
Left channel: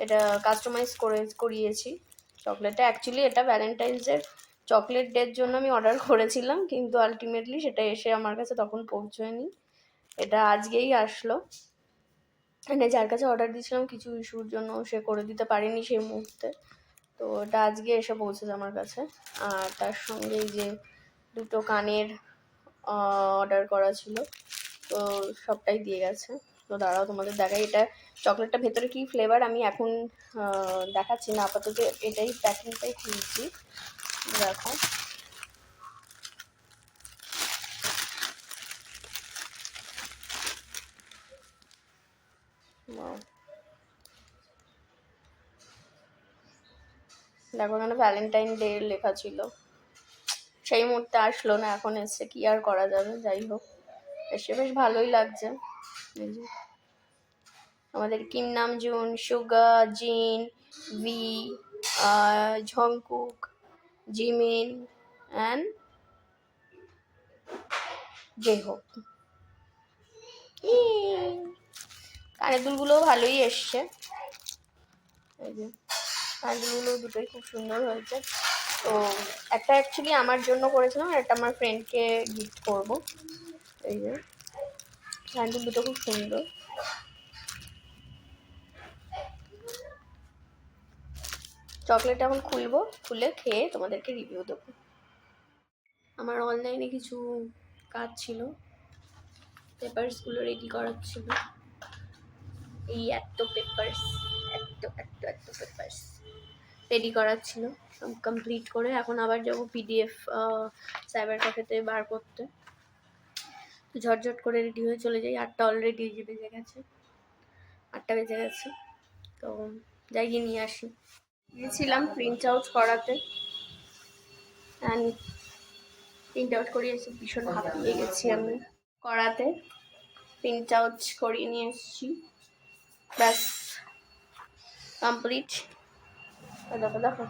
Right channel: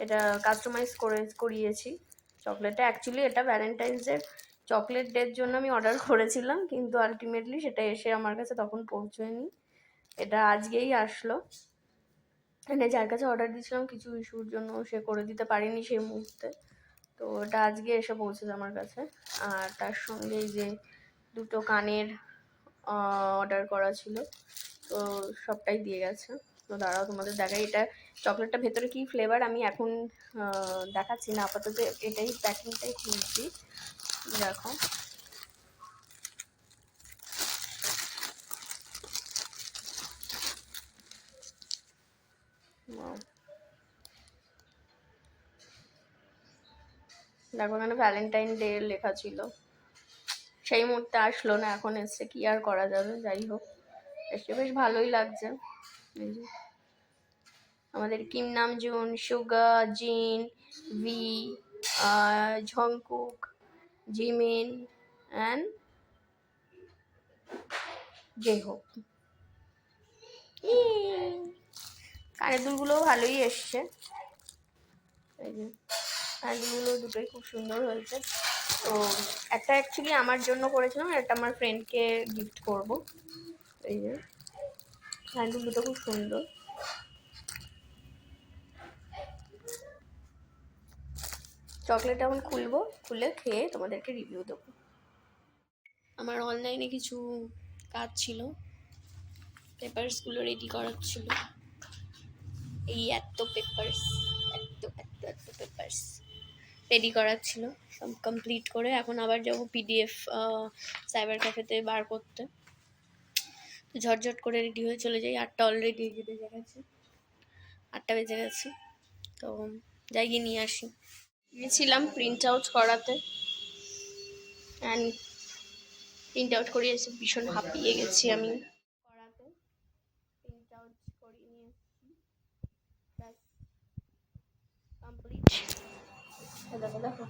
এটা কাস্টমাইজ করিয়েছি চকলেটটা। অ্যাকচুয়ালি এটা ভ্যালেন্টাইন্স ডে চকলেট ডের জন্য আমি অর্ডার করেছিলাম, কিন্তু আলটিমেটলি সেটা এসে আমার কাছে তখন পৌঁছয়নি, এটা আজকেই আসলো। মানে যার কাছে অর্ডার দিয়েছিলাম কিছু ইস্যুর জন্য সে করে দিতে পারেনি সেই মুহূর্তে, তো এটা আজকে এসে পৌঁছেছে আমার কাছে। আর তার সঙ্গে যে দুটো কানের অর্ডার করা ছিল, তো সবটাই দিয়ে গেছে। তো দাঁড়াও তোমাদের দেখাই, এটা চকলেটটা ভেতরে কী ফ্লেভার আমি এখন দেখাচ্ছি না, আপাতত এটাই প্যাকিংটাই খুলছি, দেখো। দেখো এখানে ভ্যালেন্টাইন ডে লেখা ছিল, সেই মুহূর্তে আসলো না, এখন এসছে, কি আর করা যাবে, যাই হোক এসে বেশ ভালোই লাগছে। আমাদের কিম নামজুন, সুগা, জিন, ভি, ঝংকুক, জিমিন অ্যান্ড জেহোক। কানের দুলগুলোও ভালোই এসছে, এই যে কানের দুলগুলো দুটোই খুব সুন্দর হয়েছে। তো একটা অ্যাকচুয়ালি আমার জন্য করেছিলাম, আর একটা আমার ফ্রেন্ডকে গিফট করব। এই যে কানের দুল দুটো খুব সুন্দর। চকলেট এখন খুলবো, খুলে খেয়ে তোমাদেরকে রিভিউ দেবো। আমার অনলাইনে কিছু কাজ ছিল, পেপারসগুলো রেডি করার ছিল, এই এত পেপারস রেডি করার ছিল, সব কমপ্লিট করে এখন আবার যাবো পিডিএফ সাইবার ক্যাফেতে বার করতে। ঝটঝট করে রেডি হয়ে চলে যাই, 8টা অলরেডি বেজে গেছে। 8টা বেজে গেছে, তো যাই গিয়ে নিয়ে আসি। গিয়েছিলাম প্রিন্ট আউট করাতে, অ্যান্ড প্রিন্ট আউট করে এসে ভীষণ হাঁপিয়ে গেছি আমি। করাতে প্রিন্ট আউট করিয়ে নিয়ে এসেছি, ব্যাস কমপ্লিট। দেখো দেখো,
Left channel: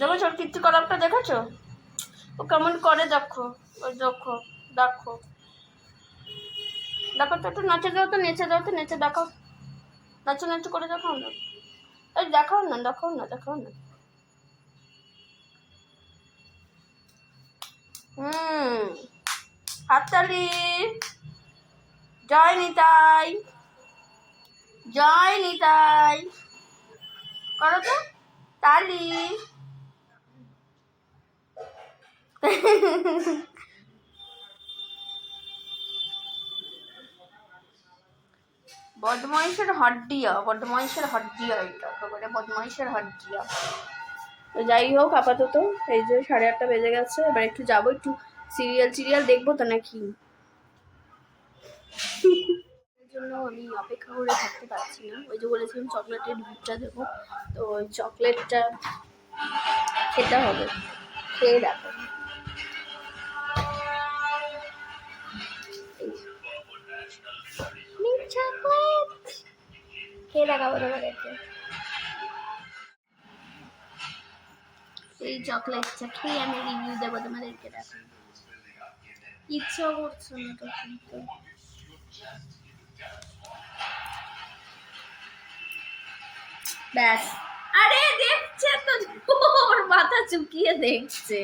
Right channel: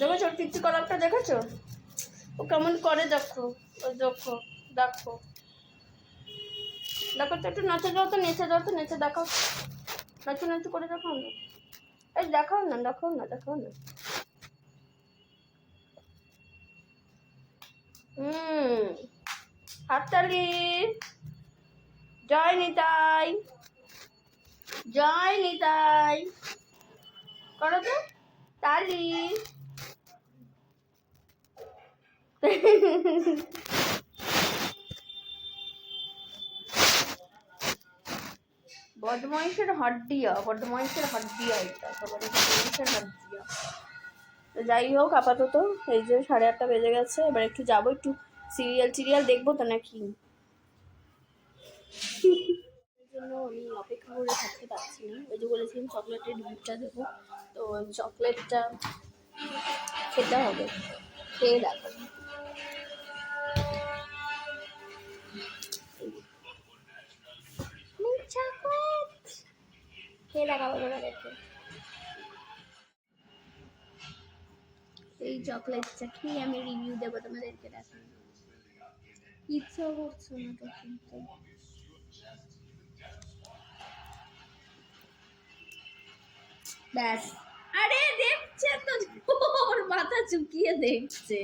দেখো ওর কীর্তি কলাপটা দেখেছো? ও কেমন করে দেখো, ওই দেখো দেখো দেখো তো, একটু নাচে দাও তো, নেচে দাও তো, নেচে দেখাও, নাচে নাচে করে দেখাও না, এই দেখাও না, দেখাও না, দেখাও না। হাততালি, জয় নিতাই, জয় নিতাই করো তো, তালি। বদমাইশের হাড্ডিয়া, বদমাইশের হাড্ডিয়া, এটা একেবারে বদমাইশের হাড্ডিয়া। তো যাই হোক, আপাতত এই যে 8:30 বেজে গেছে, এবার একটু যাবো, একটু সিরিয়াল দেখবো তো নাকি। জন্য আমি অপেক্ষা করে থাকতে পারছি না। ওই যে বলেছিলাম চকলেটের দুধটা দেবো, তো ওই চকলেটটা খেতে হবে, খেয়ে দেখো। খেয়ে দেখাবো তোমাদেরকে এই চকলেটটা, খেয়ে আমি রিভিউ দেবো তোমাদেরকে। দেখো ইচ্ছা করছে না তো কিন্তু, ব্যাস। আরে দেখছে তো, ওর মাথা চুকিয়ে দেখছে।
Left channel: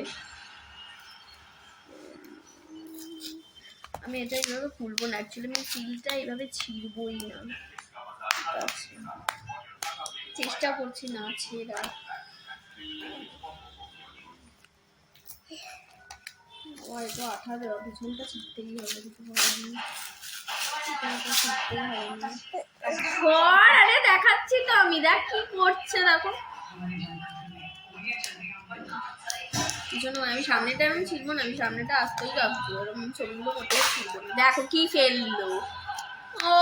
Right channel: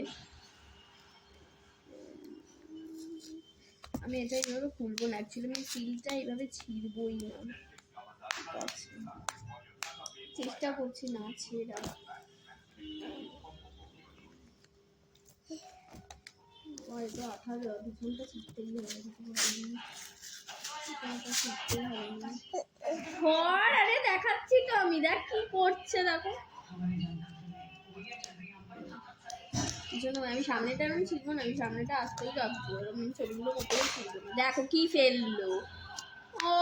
আমি এটা এইভাবে খুলবো না, অ্যাকচুয়ালি আমি সিলটা এইভাবে ছিঁড়বই না, চেষ্টা করছি না ছেড়া। হয়তো আঠা দেওয়া, পিছনটা ছিঁড়তেই হবে, কিছু বলার নেই, ছিঁড়তেই হবে। আরে দেখাচ্ছি তো আমি, দেখ কি করছে দেখো। আমি সামনেটা আমি ছিড়বো না, আমি সামনেটা আসতেই ভাবছি, ওরকম ছবিগুলো কোথাও ছিড়বো না। দেখো কি ফেললো। ও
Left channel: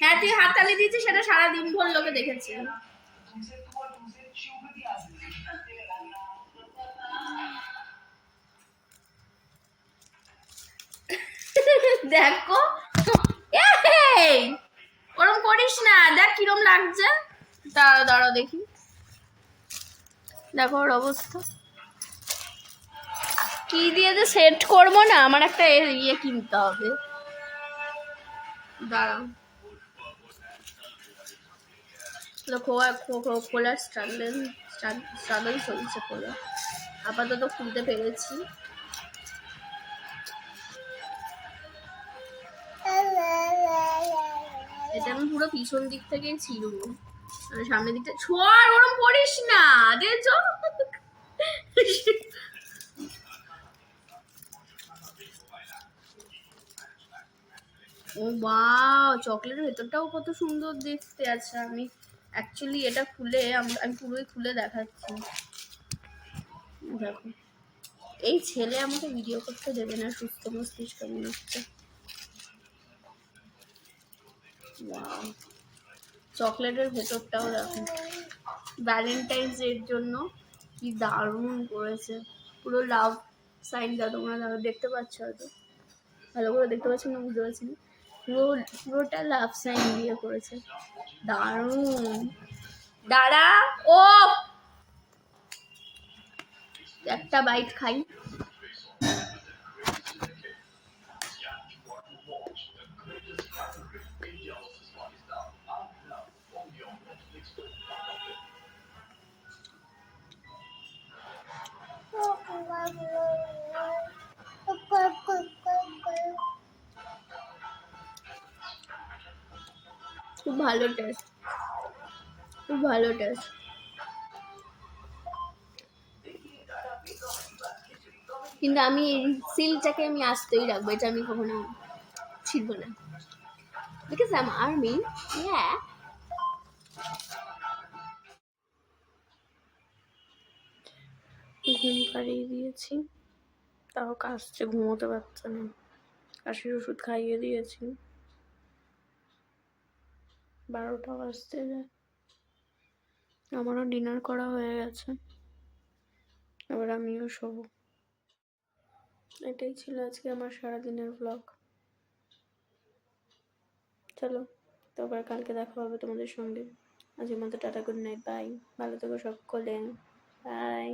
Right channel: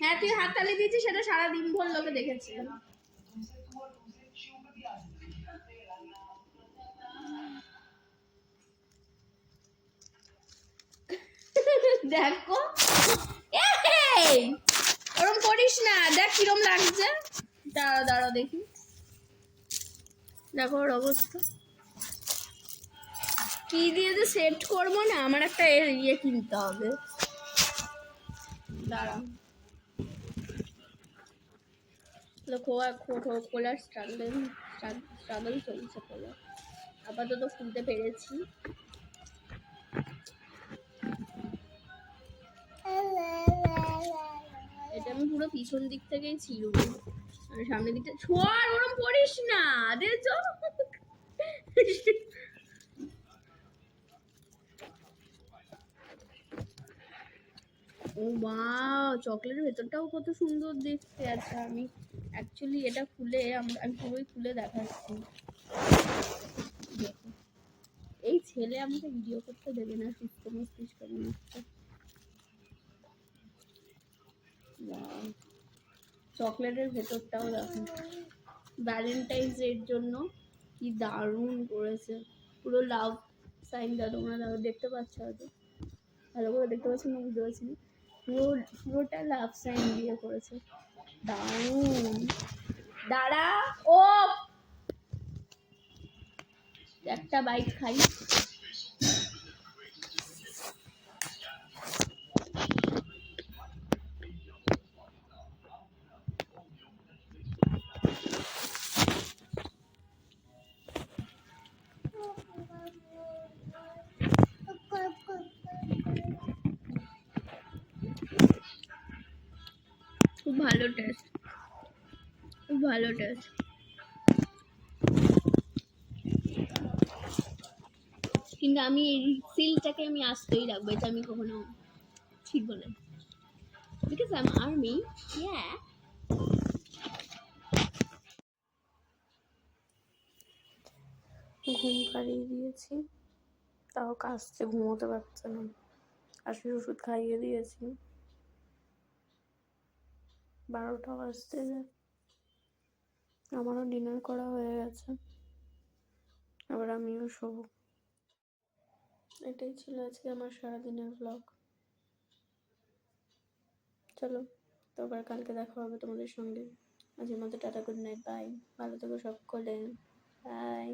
হ্যাঁ, তুই হাততালি দিয়েছিস, সেটা সারাদিন ভর লোকে দেখেছি। দেখো ওরম করিস না, দেখ কিরম লাগছে। দাঁড়াও দেখি, দেখো ওর অবস্থা। কি দিয়ে যে সেট করবো না, আমার একটা ইয়ে কিনতে হবে, দাঁড়াও। খোলার স্ট্রাগল চলছে, খোলা আপাতত খুলতে পেরেছি। এটা আমি পুরো পিছন দিক থেকেই ছিড়বো, সামনের দিকটা ছোঁয়ার ওরম করিস না, দেখছো। ও বাহ, চকলেটের ভেতরটাও কত সুন্দর দেখতে আছে। আমি অ্যাকচুয়ালি এটা খুলে আমি পুরোই খুলে দেখাচ্ছি, দেখো। এই ছেলে আমাকে ভিডিও করতে দেবে না, সুস্থ মস্তিষ্ক নিচ্ছে। চকলেটের ভেতরটাও দেখো, ভ্যালেন্টাইন্স ডের জন্য কি দারুণ করেছে, পুরো লাভ সাইনটা তোমরা দেখতে পাচ্ছ, হয়তো ভালো করে দেখতে পাচ্ছি না, বুঝতে পারছি না, পুরোটা লাভ সাইন দিয়ে করেছে, দারুণ। দাঁড়া, ও একটা বাইট খাই। খুব ভালো টেস্ট, খুব ভালো টেস্ট। কিন্তু আমি এই সিলটাকে আমি আসতেই রাখবো, এটা আমি কখনো ছিড়বো না। Because I'm army. Yeah. ঘুম পাড়িয়ে দিয়েছি, তাও কাশছে, ঘুমোতে পারছে না। কাশির ওষুধ খাইয়ে দিয়েছি, 12টা বাজতে যায়। আমারও ডিনার করা হয়ে গেছে, আবার আমিও শোবো। এটাই ছিল আজকে আমার সারাদিনের ব্লগ। চলো, তো আবার কালকে দেখা হবে তোমাদের সঙ্গে। আজকের মতো টাটা, গুড নাইট, বাই। ভালো থেকো সকলে, বাই।